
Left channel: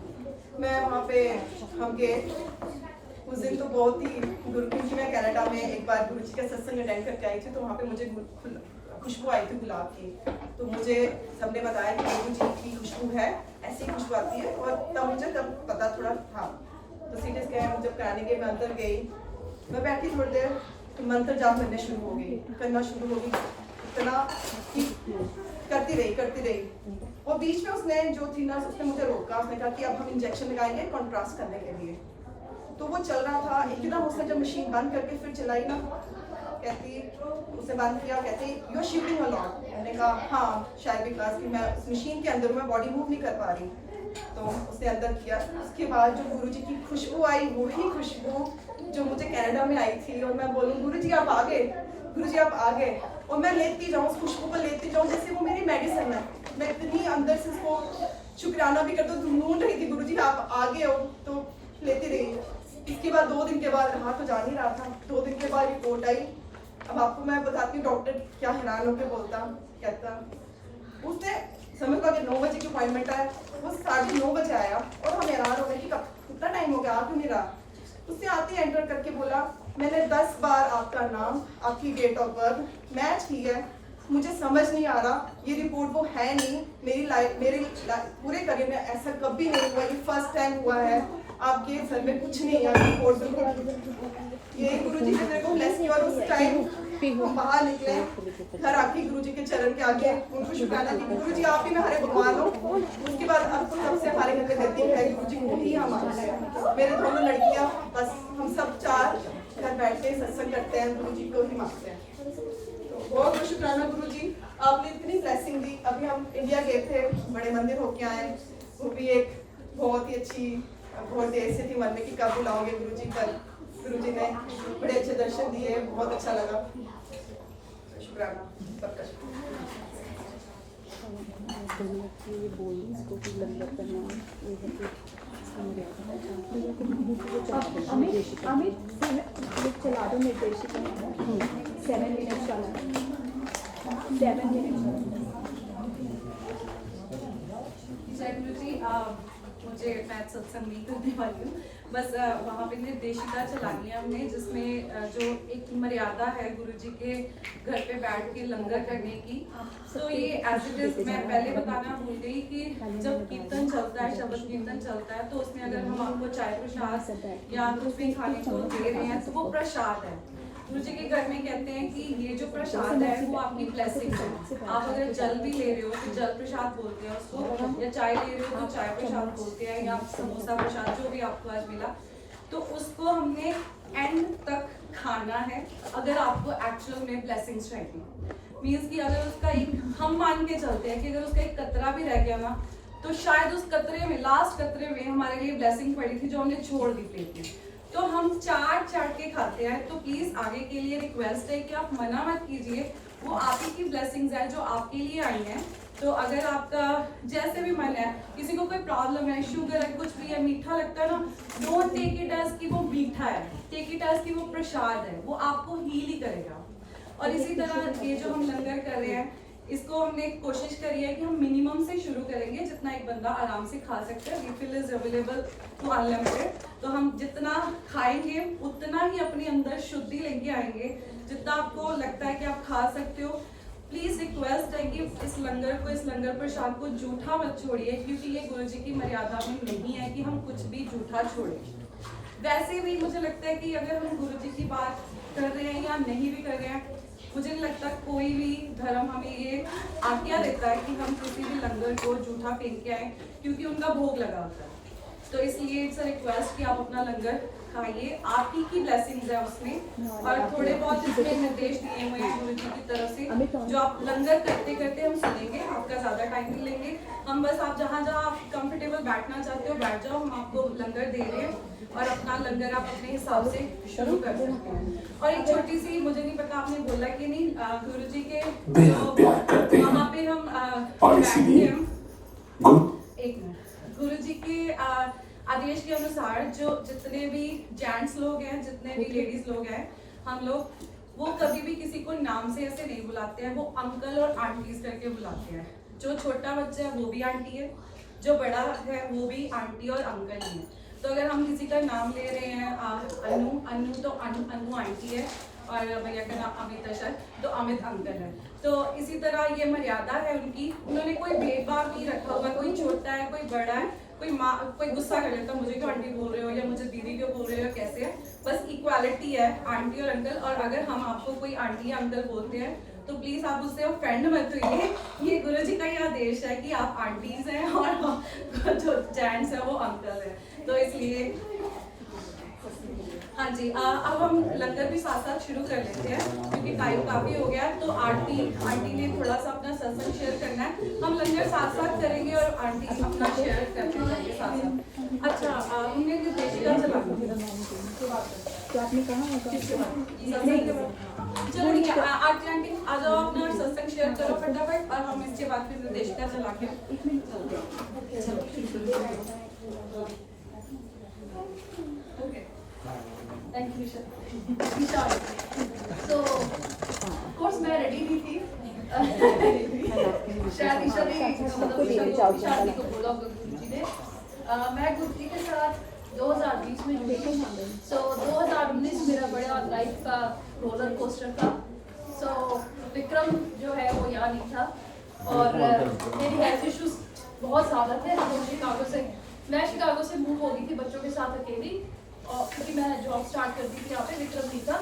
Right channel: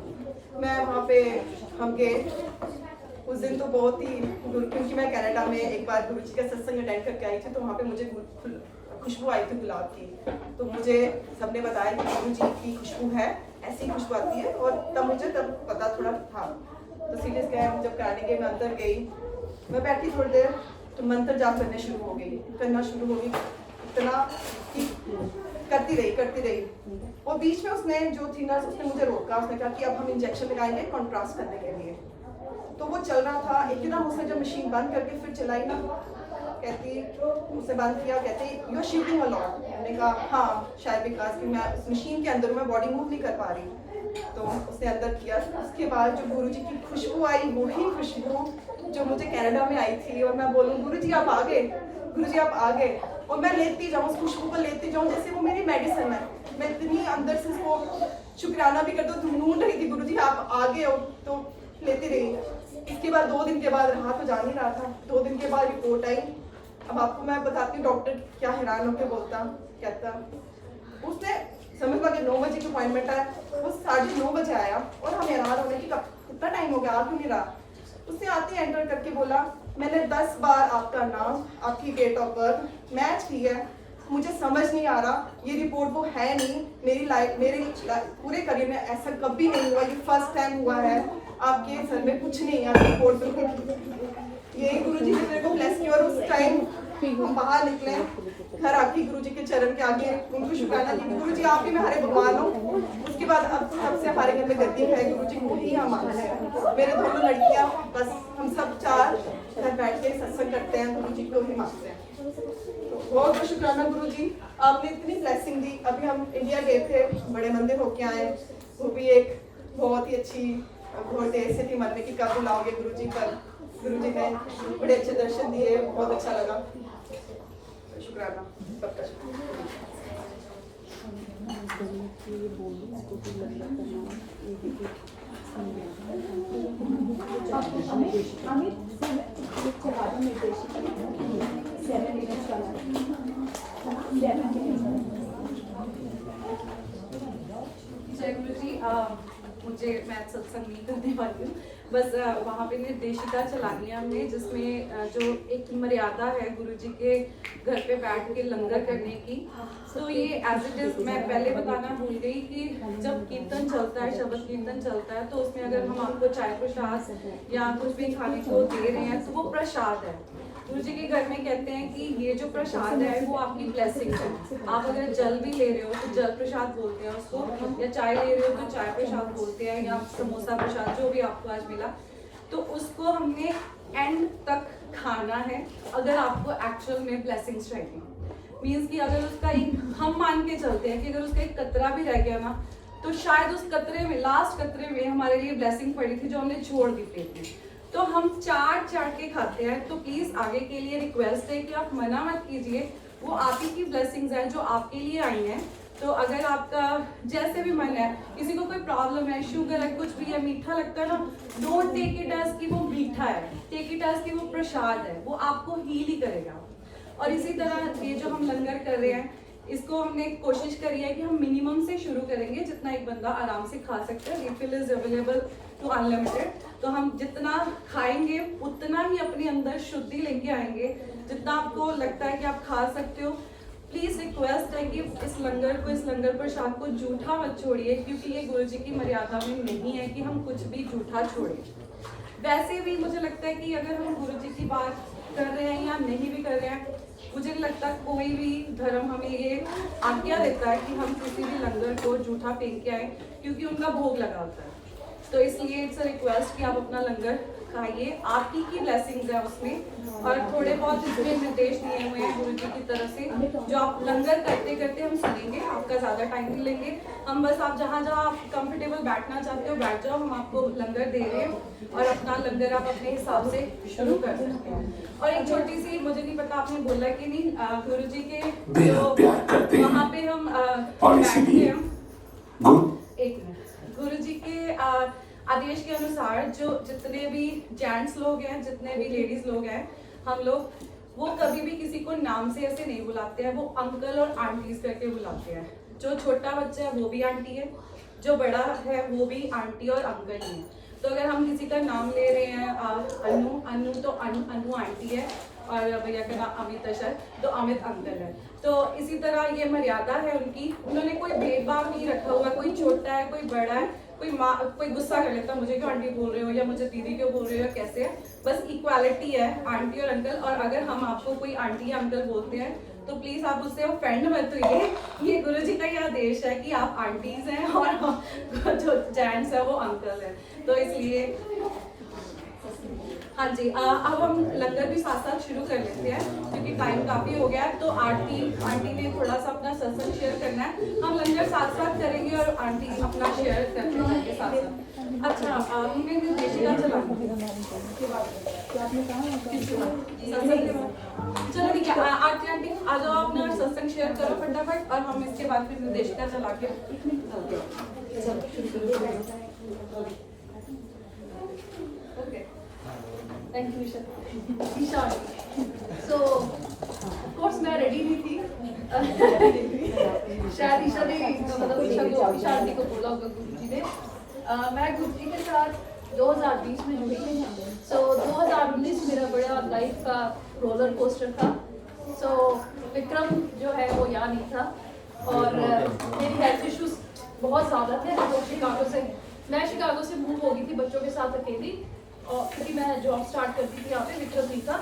मैं वहाँ पे हम गए। उस दिन तो बहुत ही क्योंकि मैं कनाडा में एक बार गुरु जी का सत्संग अटेंड करके आई थी, तो वहाँ पे मुझे खुशबू आई थी गुलाब की। तो मुझे सबने बताया कि गुरु जी की खुशबू है, ऐसी खुशबू आती है, और तब मुझे पता थोड़ा था। तो सीटी स्कैन जब कराने के मैं अंदर गई, मैं बैठी थोड़ी देर, तो मंत्र जाप करना शुरू हो गई, इतना कि करती रही। और बीच में उसने जो थी ना, उसने मुझे रोका, उसने कहा कि अब हम इंजेक्शन लगाएंगे कॉन्ट्रास्ट करने के लिए। तो वो चल रहा था, एकदम उसने जब मशीन बंद करके फिर चलाई ना, कहती उसे बंद किया, कहती you are cheating a lot. मैंने कहा हाँ शायद बिकॉज कि मैं उस मशीन के अंदर मैं बॉडी मूव नहीं कर पा रही। तो उसने अंदर किया। उसके बाद जो गुरु जी की खुशबू आई, वही खुशबू जो मुझे कनाडा में आई थी, और मैं बोलूँ गुरु जी आप आ गए, गुरु जी आप आ गए, और मैं लेती जाऊँ उस खुशबू को, लेती जाऊँ जैसे वो मेरी मेडिसिन है। मैं इतनी अंदर से उसको शुक्राना भी करती हूँ, ढूंढ रही थी गुरु जी आप आ गए हो, तो लेती रही। इसके बाद 2 दिन के बाद रहा तो जा नहीं रहा था, 2 दिन के बाद रिपोर्ट आई। अब आपको मैं बताती हूँ डॉक्टर क्या हैरान होकर बोलता, कहता उसने समझ लो कि 9 बजे की अपॉइंटमेंट है, वो 9:30 बजे आया, और हम हैरान हो गए कि कितना टाइम हो गया आ क्यों नहीं रहा। उसने आते एंटर करके बोला मैंने 10 बार आपका नाम, आपकी डेट ऑफ बर्थ मैच की है, मुझे समझ नहीं आ रहा, ये रिपोर्ट वो है नहीं, मेरे पूरे करियर में ऐसा कभी नहीं हुआ, ये फर्स्ट टाइम हुआ है, आपके सर में कुछ नहीं है, रिपोर्ट बिल्कुल। यही गुरु जी ने मेरे को ब्लेस किया। और उस टाइम हम बाहर निकले, घर आके गुरु जी के चरण के आगे उनको शुक्राना की, गुरु जी आप ही हमारे भगवान हो। उसके बाद अब सबसे हमारे घर में गद्दी है, गुरु जी को ही हम मानते हैं। मेरे दोनों लड़कियां, बस हम सब 4 घर बैठ के सत्संग करते हैं, गुरु जी को ही मानते हैं। तो बहुत बहुत शुक्राना गुरु जी, आपने इतनी ब्लेसिंग दी। अभी हम इंडिया गए थे, बड़े मंदिर होके आए, वो भी एक बहुत ही अच्छी, बहुत देर से थी मन में कि कब बुलाओगे गुरु जी, पर गुरु जी ने बड़े अच्छे दर्शन दिए, बहुत अच्छा लगा। शुक्राना सबका। अमित चला दो निर्देशिका 7 मिनट चला 7 मिनट। जय गुरु जी, मुझे मैं सत्संग नहीं करने वाली हूँ, बस वहाँ पे निर्देशिका चलानी है हमने, जिसमें जो एक मर्यादा है गुरु जी के घर पे बैठ के लंगर करने की। तो ये एज इट इज मैं पहले बताना भूल गई कि जब कीर्तन चलता है, शब्द कीर्तन चलता है, तो उसमें अगर हम आपको चाय प्रसाद या कुछ भी खाने को दे रहे हैं तो वो प्रसाद है। गुरु जी के घर में कहते हैं कि ये जो प्रसाद है वो आपकी ब्लेसिंग है। आप अगर जल भी ले रहे हो तो जल प्रसाद बोलते हैं उसको, या चाय ले रहे हो तो चाय प्रसाद बोलते हैं, या समोसा प्रसाद जो भी आपको आज मिला, तो उसको हमने एंड तक खाना है अगर आपको एक्चुअल में ब्लेसिंग्स चाहिए। मीन्स कि अगर उसका एक, हम मान के चलते हैं कि अगर उसका एक कतरा भी रह गया ना, तो शायद उस कतरे में, लास्ट कतरे में हमारे लिए ब्लेसिंग पड़ी थी जो हमने छोड़ दी थी। तो हम चाट के खाते हैं। तो प्लीज आगे के लिए रिक्वेस्ट है कि आप मना मत कीजिए, वो आप ही की ब्लेसिंग्स हैं जो आपके लिए आई हैं। तो अगर आपका जैसे भी मन है, किसी को कोई प्रॉब्लम है, शुगर है, कुछ भी है, मीठा लगता है ना, डोंट टेक इट एज कि वो मीठा है, टेक इट एज कि वो प्रसाद है, वो आपको हील ही करेगा। और इसी तरह ये जो हम लंगर कर रहे हैं, इसको हमने कोशिश करी है कि हम मिनिमम से शुरू करेंगे, जितना एक बंदा आराम से खा सकता है। Refill is available to unlimited. तो हम जितना खाएंगे उतना ही अपने अंदर शुद्धि लेके आएंगे, जितना आपको लगता है कि आप खा सकते हो। प्लीज रिक्वेस्ट है कि इस लंगर प्रसाद को जूठा मत छोड़िए, क्योंकि ये गुरु जी की मर्यादा में नहीं है कि हम कुछ भी जूठा छोड़ें। वैसे भी मुझे लगता है कि अगर हम गुरु जी की बात कर रहे हैं या नहीं भी कर रहे हैं, मुझे नहीं लगता कोई भी धर्म हमें ये आज्ञा देता है कि हम किसी भी लंगर को जूठा फेंक के आए, क्योंकि उनका भोग लगा होता है। तो इसलिए इट्स अ रिक्वेस्ट कि आप अपना लंगर खाइए, आप ही की ब्लेसिंग्स है उसमें। और थोड़े बहुत इसमें निर्देश दिए हुए हैं गुरु जी की तरफ से, जो आप लंगर करते करते हम सुनेंगे, आपका ज़्यादा टाइम नहीं लेंगे हम। बस आप जहाँ आप कंफर्टेबल बैठना चाहते हो बैठ जाओ, हम आपको लंगर दे रहे हैं और अपना लंगर आप अपने हिसाब से शुरू कर सकते हैं। और एक छोटी सी, मुझे नहीं पता आपने बोला कि नहीं, गुरु जी के वहाँ पे हम एक मिनट, गुरु जी के आदेश के अनुसार जो जितने भी जेंट्स लोग हैं, जितने भी लेडीज लोग हैं, हम लोग वो कभी भी किसी को नाम से ऐसे नहीं बुलाते हैं, वो अंकल और आंटीज करके बुलाते हैं। जो छोटा बच्चा है वो भी आंटी है, जो बड़ा है वो भी आंटी और अंकल ही है। तो अगर हम किसी का नाम ले रहे हैं अनु तो अनु आंटी है, और भैया का नाम अमित है सर, तो अमित अंकल है। तो इसी तरह ये मर्यादा है उनकी, उन्होंने कोई भेदभाव नहीं रखा हुआ, कोई छोटा है कोई बड़ा है, कोई गुस्सा कर लेता मुझे क्यों आंटी बोल रहे हो या मुझे दीदी क्यों बोल रहे हो, कैसे है। बस इक्वालिटी है आंटी और अंकल। और अगर हम आपको कोई आंटी या अंकल बोलते हैं तो प्लीज आप उससे ऑफेंड मत होइए। ये गुरु जी का ये आदेश है कि आप आंटीज हैं और जो जेंट्स है वो अंकल है। तो इसलिए हाँ जी, अब हम लंगर भी साथ साथ शुरू कर लेते हैं, क्योंकि टाइम काफी हो गया है। तो आंटी ने थोड़ा सा अपना सत्संग शेयर करना है, हम लंगर साथ साथ करेंगे और आंटी अपना शेयर करते रहेंगे साथ साथ। अच्छा, हमने निर्देशिका चला तो आपने कहा चलो ठीक है, आरती आंटी आ जाओ, अपना सत्संग शेयर करो फटाफट, और हम इसके बाद फिर निर्देशिका चला के थैंक यू विशाल। तो ऑफ कोर्स मैं रेडी नहीं थी, शायद ईशा ने मतलब ईशा को बोला होगा गुरु जी ने। मैं गुरु जी के साथ 2020 में जुड़ी। सो 2019 मेरा बड़ा लाइफ का रोलर कोस्टर था। सो विक्रम जो है वो यहाँ नहीं था, और मेरी हेल्थ इश्यूज बहुत ज़्यादा थे। तो मैं शिकागो से मूव हो गई थी बच्चों के साथ अकेली, और क्योंकि मैं जॉब स्टार्ट करती थी यहाँ पे, विक्रम नहीं था।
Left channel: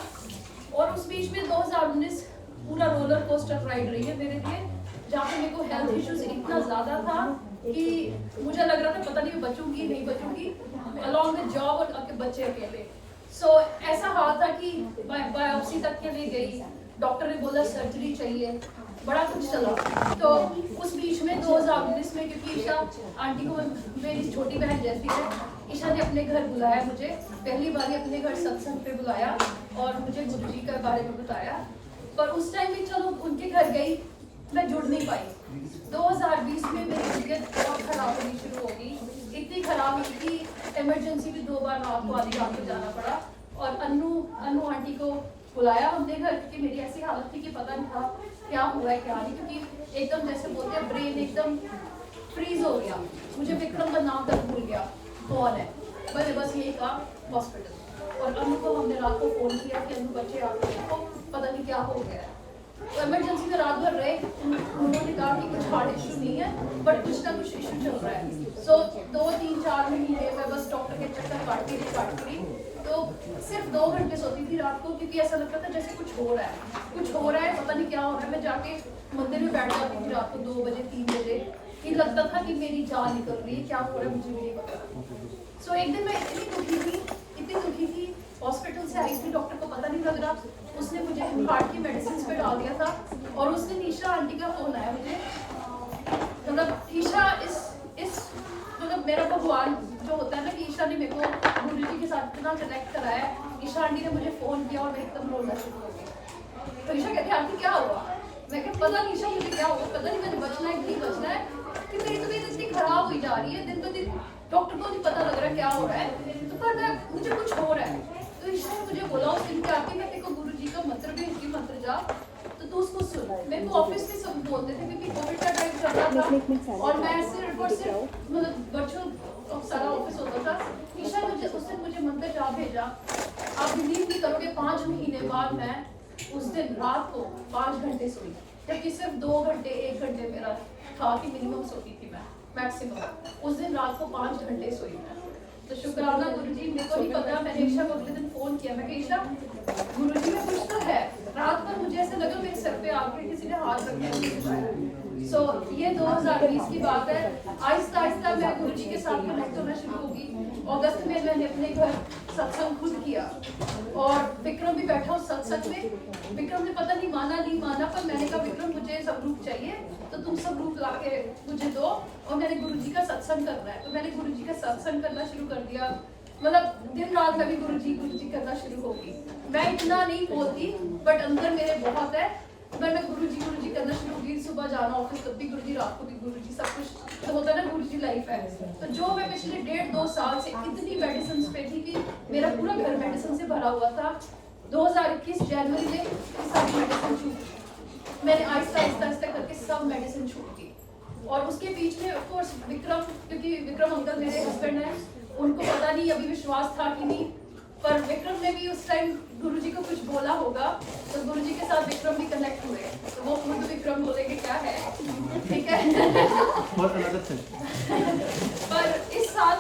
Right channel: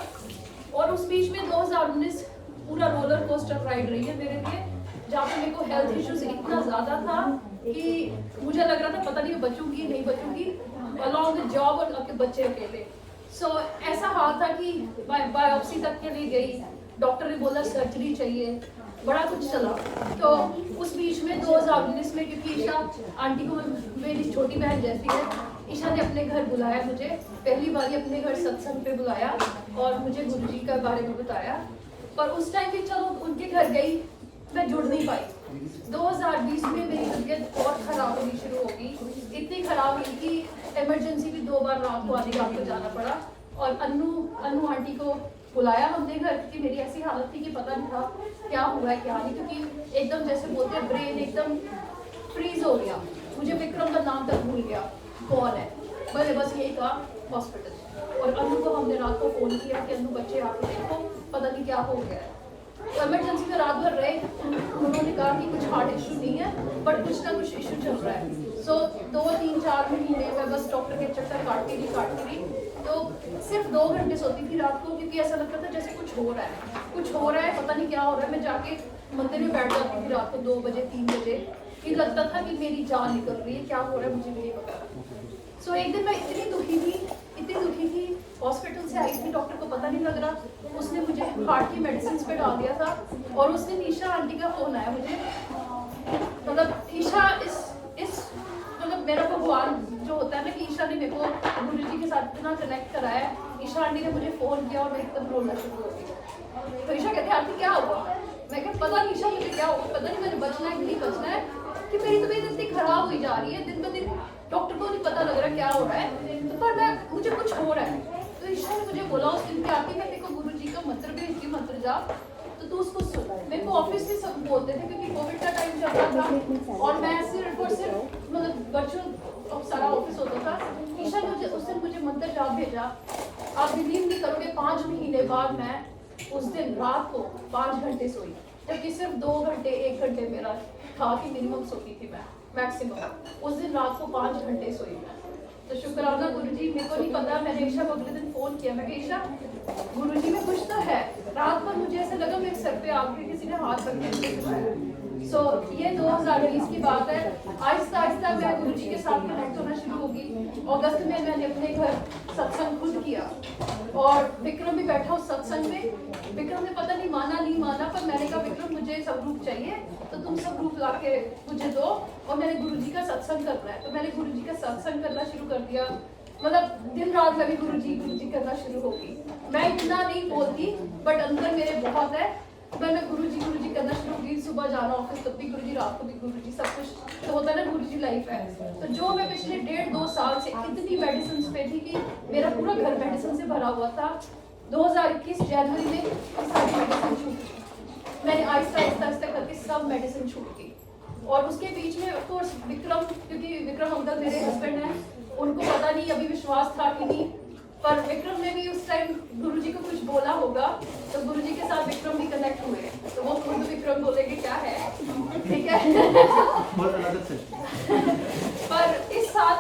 और उस बीच में 2019 पूरा रोलर कोस्टर राइड रही है मेरे लिए, जहाँ पे मेरे को हेल्थ इश्यूज इतना ज़्यादा था कि मुझे लग रहा था पता नहीं बचूंगी नहीं बचूंगी, अलॉन्ग द जॉब और अपने बच्चे अकेले। सो ऐसा हाल था कि बायोप्सी तक के लिए गई, डॉक्टर ने बोला सर्जरी चाहिए, बड़ा कुछ चला। तो उस बीच में 2019 में, क्योंकि ईशा आंटी को मेरी छोटी बहन जैसी है, ईशा ने अपने घर बुलाया मुझे, पहली बार अपने घर सत्संग पे बुलाया और मुझे गुरु जी के बारे में बताया। पर उस टाइम भी चलो उनके घर गई, मैं जुड़ नहीं पाई। 2020 में मेरी तबीयत बहुत खराब होनी शुरू हो गई, इतनी खराब हुई कि इमरजेंसी भी 2 बार रात को आधी रात को जाना पड़ा। और अनु आंटी को बुलाया हमने घर, क्योंकि मेरी ऐसी हालत थी कि पता नहीं था क्या हुआ है क्या नहीं, क्योंकि एकदम जैसे बोलते हैं ब्रेन एकदम फ्रीज हो गया। मुझे विक्रम का नाम तक भूल गया कौन है, मैंने बस यही कहा हॉस्पिटल। और अनु को हमने रात को फ़ोन किया कि अनु बच्चे आपको देखो, पता नहीं क्या हो गया है। तो इमरजेंसी में रात भर रहे, उन्होंने कहा कि कुछ हार्ट इशू नहीं है, बट कुछ ना कुछ इशू चल रहा है। सो 2, 3, 4 महीने में बस डॉक्टर के चक्कर काटती रही। तो सिर्फ 2 घंटे सोती थी रात को, क्योंकि ऐसा लगता था जैसे कुछ हो रहा है, पता नहीं क्या हो रहा है। मैं जाके मंदिर में बैठ जाती थी रात को 2 बजे 3 बजे, ये लगता था कि मेरी जान निकल रही है, क्या हो रहा है मुझे नहीं पता। सो एक दिन मैं इतनी दुखी थी, हॉस्पिटल से आई थी, डॉक्टर को पता नहीं लग रहा, उसने मुझे हार्ट की मेडिसिन पे डाल दिया था। और उस दिन ईशा आंटी का फोन आया मुझे, मतलब ईशा इस मतलब मेरा भगवान जो होता है ना, कि ईशा ने मेरे को गुरु जी के साथ इतना कनेक्ट कराया। ईशा आंटी ने मुझे फ़ोन किया और मैं एकदम रोना शुरू हो गई। तो ईशा कहते हैं आंटी क्या हुआ? मैं कहा पता नहीं ईशा मुझे क्या हुआ, पता नहीं मैंने बचना है कि नहीं बचना है, कि मेरी तबीयत इतनी खराब हुई जा रही है दिन ब दिन, डॉक्टर को नहीं पता लग रहा क्या हो रहा है, तो पर मैं मुझे कुछ हो रहा है। तो ईशा ने मुझे बोला उस दिन के आके मैं देखो गुरु जी का मंत्र भी उसी मंत्र जा, तो तू उसको सुन। मेरे को ऑफिस में सब बोलते थे क्योंकि कोविड का टाइम चल रहा था और मैं सिर्फ और सिर्फ मतलब वर्चुअल सारा ऑफिस होता था। ईशा ने मुझे उस दिन मुझे मंत्र जा भेजा। आप बिलीव नहीं करोगे 5 महीने बाद मैं उस दिन रात को 5 घंटे सोई, जबकि सिर्फ 2 घंटे 1 घंटे मेरा था कि मिनिमम सोती थी मैं मैक्सिमम। उस दिन रात को 5 घंटे सोई मैं। तो शुक्राना गुरुजी। मेरे को नहीं पता, मैंने ईशा को अगले दिन फोन किया, मैं ईशा गुरुजी का कुछ तो है। रात भर मुझे ऐसा लगा मेरे सर पे आके किसी ने हाथ रख के मुझे उठाया। सो ये 2019 की बात है। आहिस्ता आहिस्ता मैं गुरुजी के साथ कनेक्ट होना शुरू होगी। अगस्त में मैंने अपने घर सत्संग खुद किया और विक्रम भी बैठा उस सत्संग में। विक्रम ने पता नहीं माना नहीं माना, पर मैंने कहा विक्रम मुझे सब रूप चाहिए, तो तुम सब रूप ला के मुझे दो और मैंने गुरुजी का सत्संग करना है। तो मैंने गुरुजी का सत्संग करना शुरू कर दिया। मतलब दिन रात लगी गुरुजी करना शुरू होगी। मैं इतना नहीं बोलती बट अंदर मेरे बहुत है। मैंने गुरुजी करना शुरू की। सुबह जाना ऑफिस तब भी गुरुजी, रात को भी गुरुजी, सब कुछ तो होता है ना, गुरुजी लाइफ है। तो जो मैं पिछले 1.5-2 साल से इतनी मेडिसिन पे थी कि मेरा पूरा घर मेडिसिन से भरा हुआ था। 2021 जनवरी में सारी मेडिसिन छूटी। मैंने आहिस्ता आहिस्ता करके सब मेडिसिन छूट दी। और उसके बीच में ऑफ कोर्स विक्रम, क्योंकि विक्रम अंकल मेरे हस्बैंड हैं, उनको पता नहीं अभी विश्वास था कि नहीं, पर विक्रम ने भी उस टाइम गुरुजी को कुछ बोला होगा, तो गुरुजी के साथ विक्रम भी कनेक्ट हुए। तो वो खुद विक्रम बोलेंगे क्या है, ठीक है। पर इस साल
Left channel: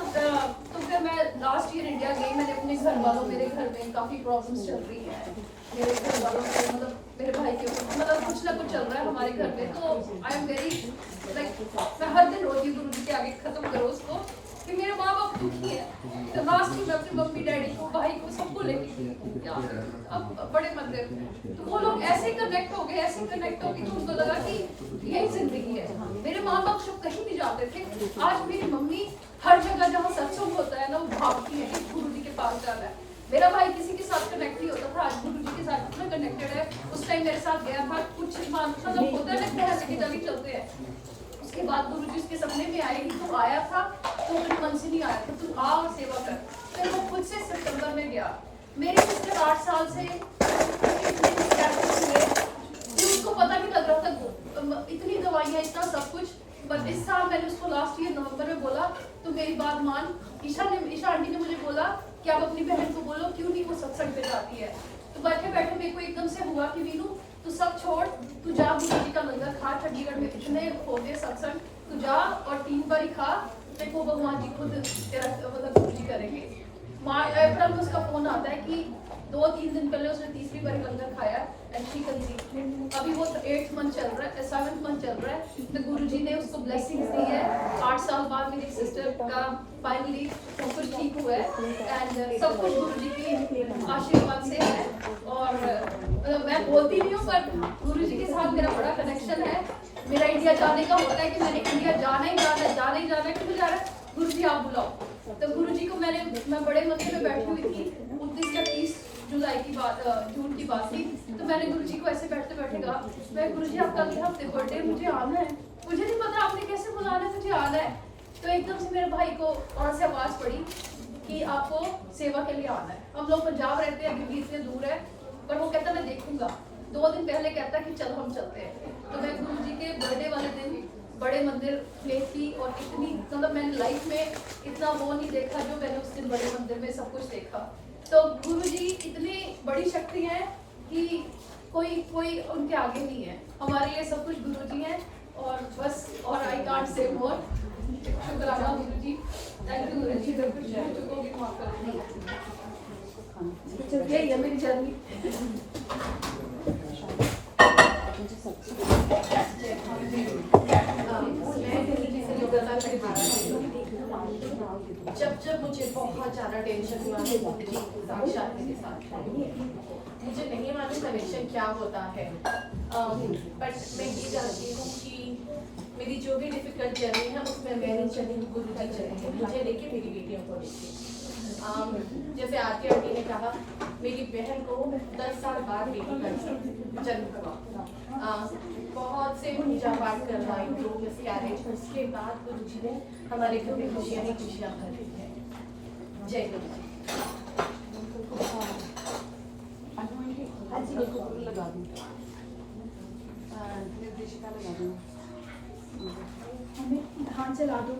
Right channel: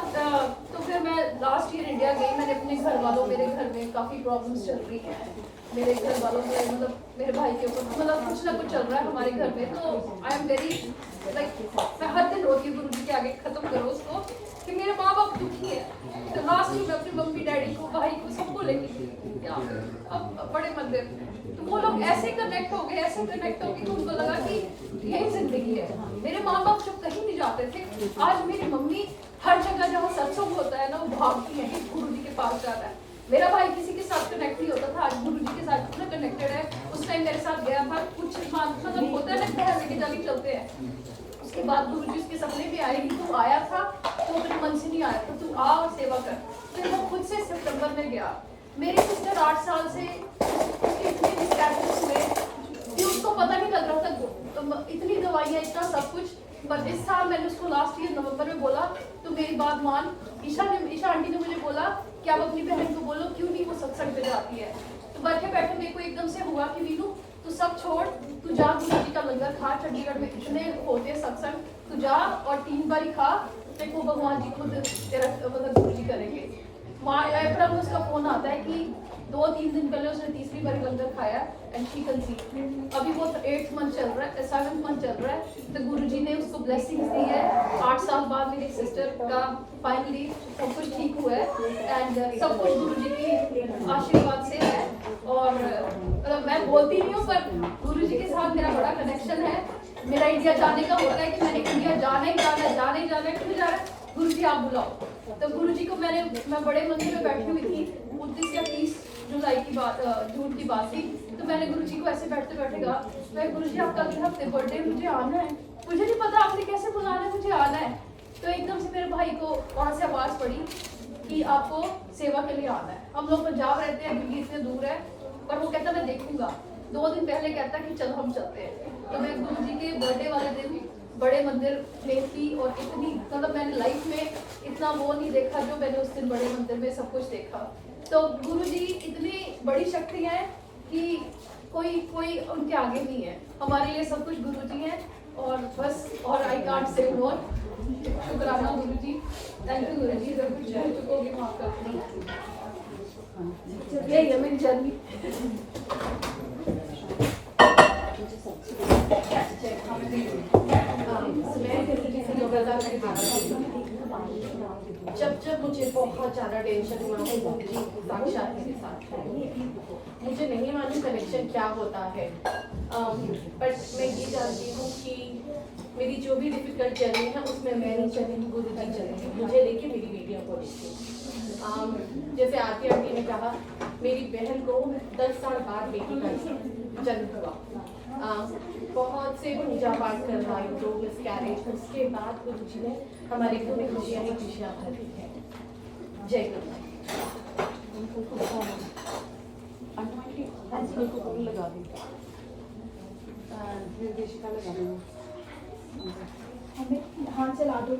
तो फिर मैं लास्ट ईयर इंडिया गई। मैंने अपने घर वालों, मेरे घर में काफ़ी प्रॉब्लम्स चल रही हैं। मेरे घर वालों में मतलब मेरे भाई के ऊपर मतलब कुछ ना कुछ चल रहा है हमारे घर में। तो आई एम वेरी लाइक मैं हर दिन रोती हूँ गुरुजी के आगे, खत्म करो उसको कि मेरे माँ बाप दुखी है। तो लास्ट में अपनी मम्मी डैडी को, भाई को, सबको लेके अब बड़े मंदिर, तो वो लोग ऐसे कनेक्ट हो गए कि उनको लगा कि यही जिंदगी है। मेरे माँ बाप सब कहीं नहीं जाते थे। आज मेरी मम्मी हर जगह जहाँ सत्संग होता है ना, वो भागती है कि गुरुजी के पास जाना है। मेरा भाई किसी के साथ कनेक्ट नहीं होता था, आज गुरुजी के साथ इतना कनेक्टेड है। उस टाइम मेरे साथ गया था, कुछ मतलब होता है ना, लेके जाके चलते हैं। उसके बाद गुरुजी उसके सपने में आएगी, तू आया था तो अपने मन से नहीं आया था, तू आ और सेवा कर। फिर वो खुद से सितंबर में गया। मेरी सिस्टर 8 साल से हुए, उसको पता नहीं लग रहा था, इतनी दवाइयाँ, इतना सब कुछ। पर इस साल मैंने उसको लास्ट ईयर नवंबर में बोला तो मेरी बात मान। ईशा आंटी ने मुझे बोला कि आप अपनी बहन को बोलो क्यों नहीं वो सत्संग पे जाती है। तो बैठे बैठे मेरे को एकदम से हुआ कि वीनू तू सब छोड़, तू जा गुरुजी का लंगर खा, चंडीगढ़ में इतने होते हैं सत्संग, तू जा और 3 बारी खा, फिर वो भगवान जी खुद तेरा मतलब गुरुजी करेंगे। अप्रैल में उसका फोन आता है कि 2-3 दिन पहले उसने 3री बारी लंगर खाया एंड शी कंसीव। अभी वो 8th मंथ चल रहा है, 7th मंथ चल रहा है। तो गुरुजी ने उसको ब्लेसिंग्स दी है। 8 साल बाद मेरी सिस्टर का फाइनली सब कुछ ठीक हुआ है एंड सब कुछ गुरुजी की आशीर्वाद से है। और मतलब मैं बोलती नहीं हूँ पर गुरुजी के साथ मेरा बड़ा कनेक्शन है। मेरा इंडिया जाने का होता है कि मैंने इंडिया जाना ही जाना है, क्यों जा रहा है गुरुजी आप बुलाओ। तो गुरुजी को मैं बड़े मंदिर में बैठी हुई थी, 29 या 30 जुलाई की बात, जून की बात थी। तो मैंने गुरुजी को ऐसे बैठते बैठे कहा, मैं गुरुजी आपका अगले हफ्ते बर्थडे, मुझे आना है। मुझे नहीं पता आपने कैसे बुला रहे, मुझे आना है। तो एकदम से मेरे भाई को वहाँ से आवाज़ पड़ी कि आपको सेवा के लिए आना है। हम लोग पंजाब रहते हैं, दिल्ली इतने दूर है, पर वो कहता मैं देखूंगा। 2 दिन पहले कहता कि चलो हम चलते हैं। तो मैं गुरुजी के बर्थडे वाले दिन बड़े मंदिर में थी और इतनी मतलब मैंने लाइफ में इतना वो नहीं देखा जो मैंने उस दिन बड़े मंदिर में सब कुछ देखा। तो गुरुजी इतनी बड़ी शक्ति है कि कोई उनके आगे नहीं है। हमारे लिए सब कुछ गुरुजी हैं और बस, और आई कांट से मोर। शुक्राना गुरुजी, थैंक यू गुरुजी। अगर कुछ कह चुकोगे माफ कर देना। यही है मेरी जर्नी। मैं गुरुजी से योगदान के बारे में जब मुझे बहुत ज़्यादा टेंशन हुआ है गुरु जी साक्षात मेरे साथ थे। मुझे नहीं मालूम कनेक्शन क्या होता है, बट मैं ये जानती हूँ कि मेरी जो भी डिफिकल्ट जर्नी है उसमें मैं नहीं चली हूँ, गुरु जी चले हैं। मुझे देखिए, मेरी बेटियों को देखिए। जैसे आरती आंटी ने कहा, मेरी बहन को 10 साल बाद बेटी का जन्म हुआ। बहुत से पूजा पाठ करवाई, 2 मिसकैरेज, उसके बाद गुरु जी ने हमारे घर में खुशियाँ ही खुशियाँ भर दी है। जय गुरु जी। हाँ चला दो।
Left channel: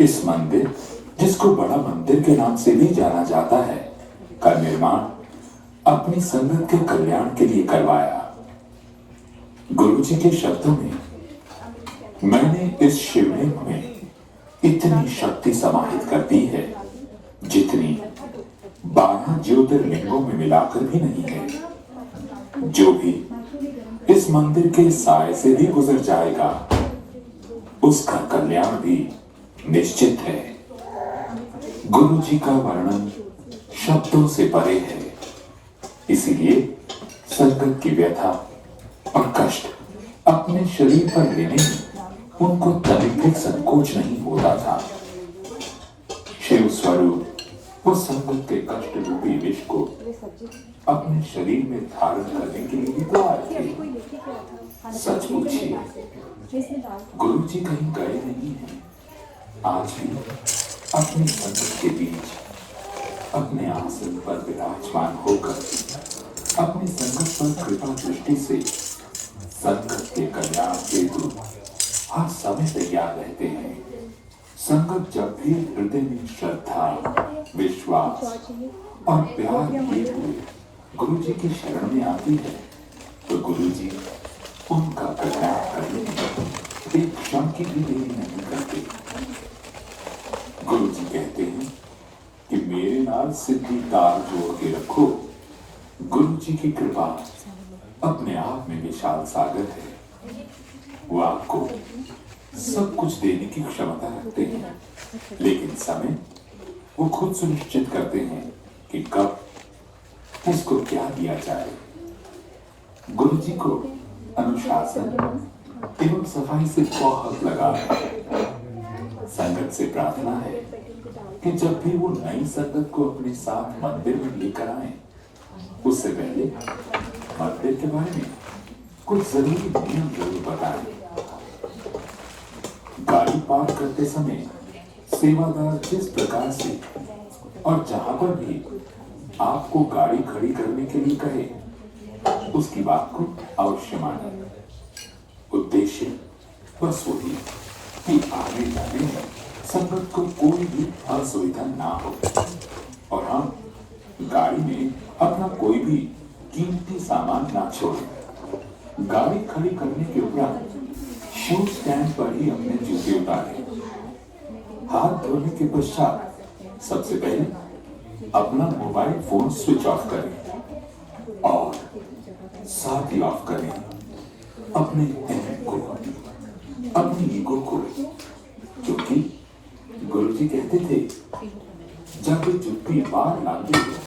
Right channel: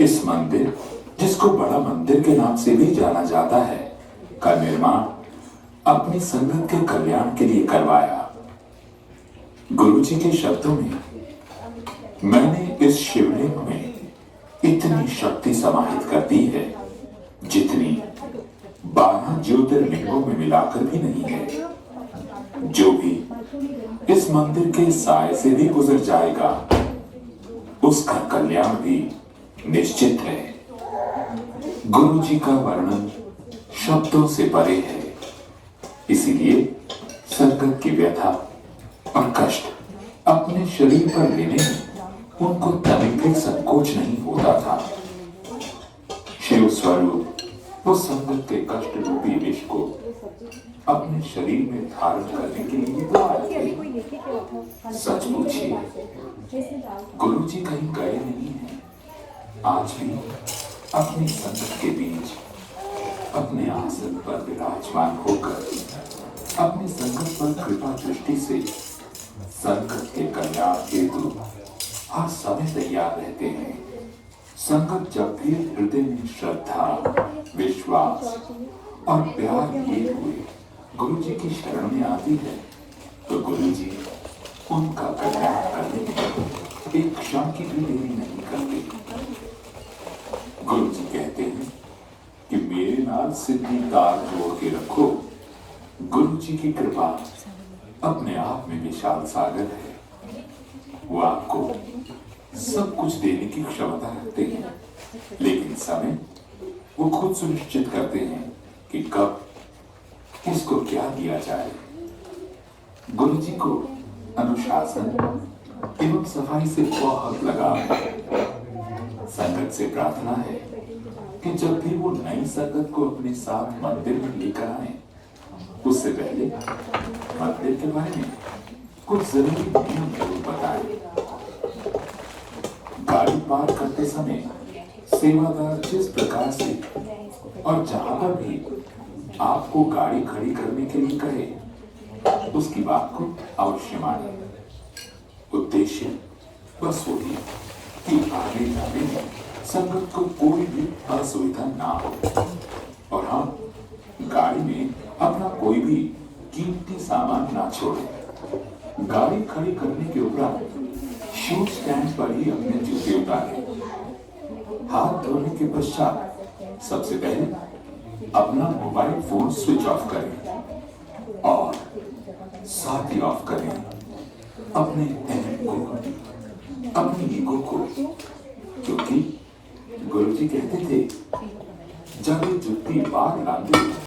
इस मंदिर, जिसको बड़ा मंदिर के नाम से भी जाना जाता है, का निर्माण अपनी संगत के कल्याण के लिए करवाया। गुरु जी के शब्दों में, मैंने इस शिवलिंग में इतनी शक्ति समाहित कर दी है जितनी 12 ज्योतिर्लिंगों में मिलाकर भी नहीं है। जो भी इस मंदिर के साए से भी गुजर जाएगा, उसका कल्याण भी निश्चित है। गुरु जी का वर्णन शब्दों से परे है, इसीलिए संगत की व्यथा और कष्ट अपने शरीर पर लेने में उनको तभी भी संकोच नहीं होता था। शिव स्वरूप उस संगत के कष्ट रूपी विष को अपने शरीर में धारण करने के लिए बुलाए थे। सच पूछिए, गुरु जी कहीं गए नहीं हैं। आज भी अपनी संगत के बीच अपने आसन पर विराजमान होकर अपनी संगत पर कृपा दृष्टि से संगत के कल्याण हेतु हर समय तैयार रहते हैं। संगत जब भी हृदय में श्रद्धा, विश्वास और प्यार किए हुए गुरु जी की शरण में आती है, तो गुरु जी उनका कल्याण करने में एक क्षण की भी देरी नहीं करते। गुरु जी कहते हैं कि मेरे नाल सिद्धि तार जोड़ के रखो। गुरु जी की कृपा अपने आप में विशाल सागर है। वो आपको सब कुछ देने की क्षमता रखते हैं, लेकिन समय वो खुद सुनिश्चित करते हैं कि कब किसको क्या दिया जाए। गुरु जी को अनुशासन एवं सफाई से बहुत लगाव है। संगत से प्रार्थना है कि जब भी वो नई संगत को अपने साथ मंदिर में लेकर आए, उससे पहले मंदिर के बारे में कुछ जरूरी नियम जरूर बताएं। गाड़ी पार्क करते समय सेवादार जिस प्रकार से और जहां पर भी आपको गाड़ी खड़ी करने के लिए कहे, उसकी बात को अवश्य माने। उद्देश्य बस वही कि आने जाने में संगत को कोई भी असुविधा ना हो, और हम गाड़ी में अपना कोई भी कीमती सामान ना छोड़े। गाड़ी खड़ी करने के उपरांत शूज स्टैंड पर ही अपने जूते उतारें। हाथ धोने के पश्चात सबसे पहले अपना मोबाइल फोन स्विच ऑफ करें और साथ ही ऑफ करें अपने अहम को, अपनी ईगो को, क्योंकि गुरु जी कहते थे, जब ये जुत्ती बार लांगे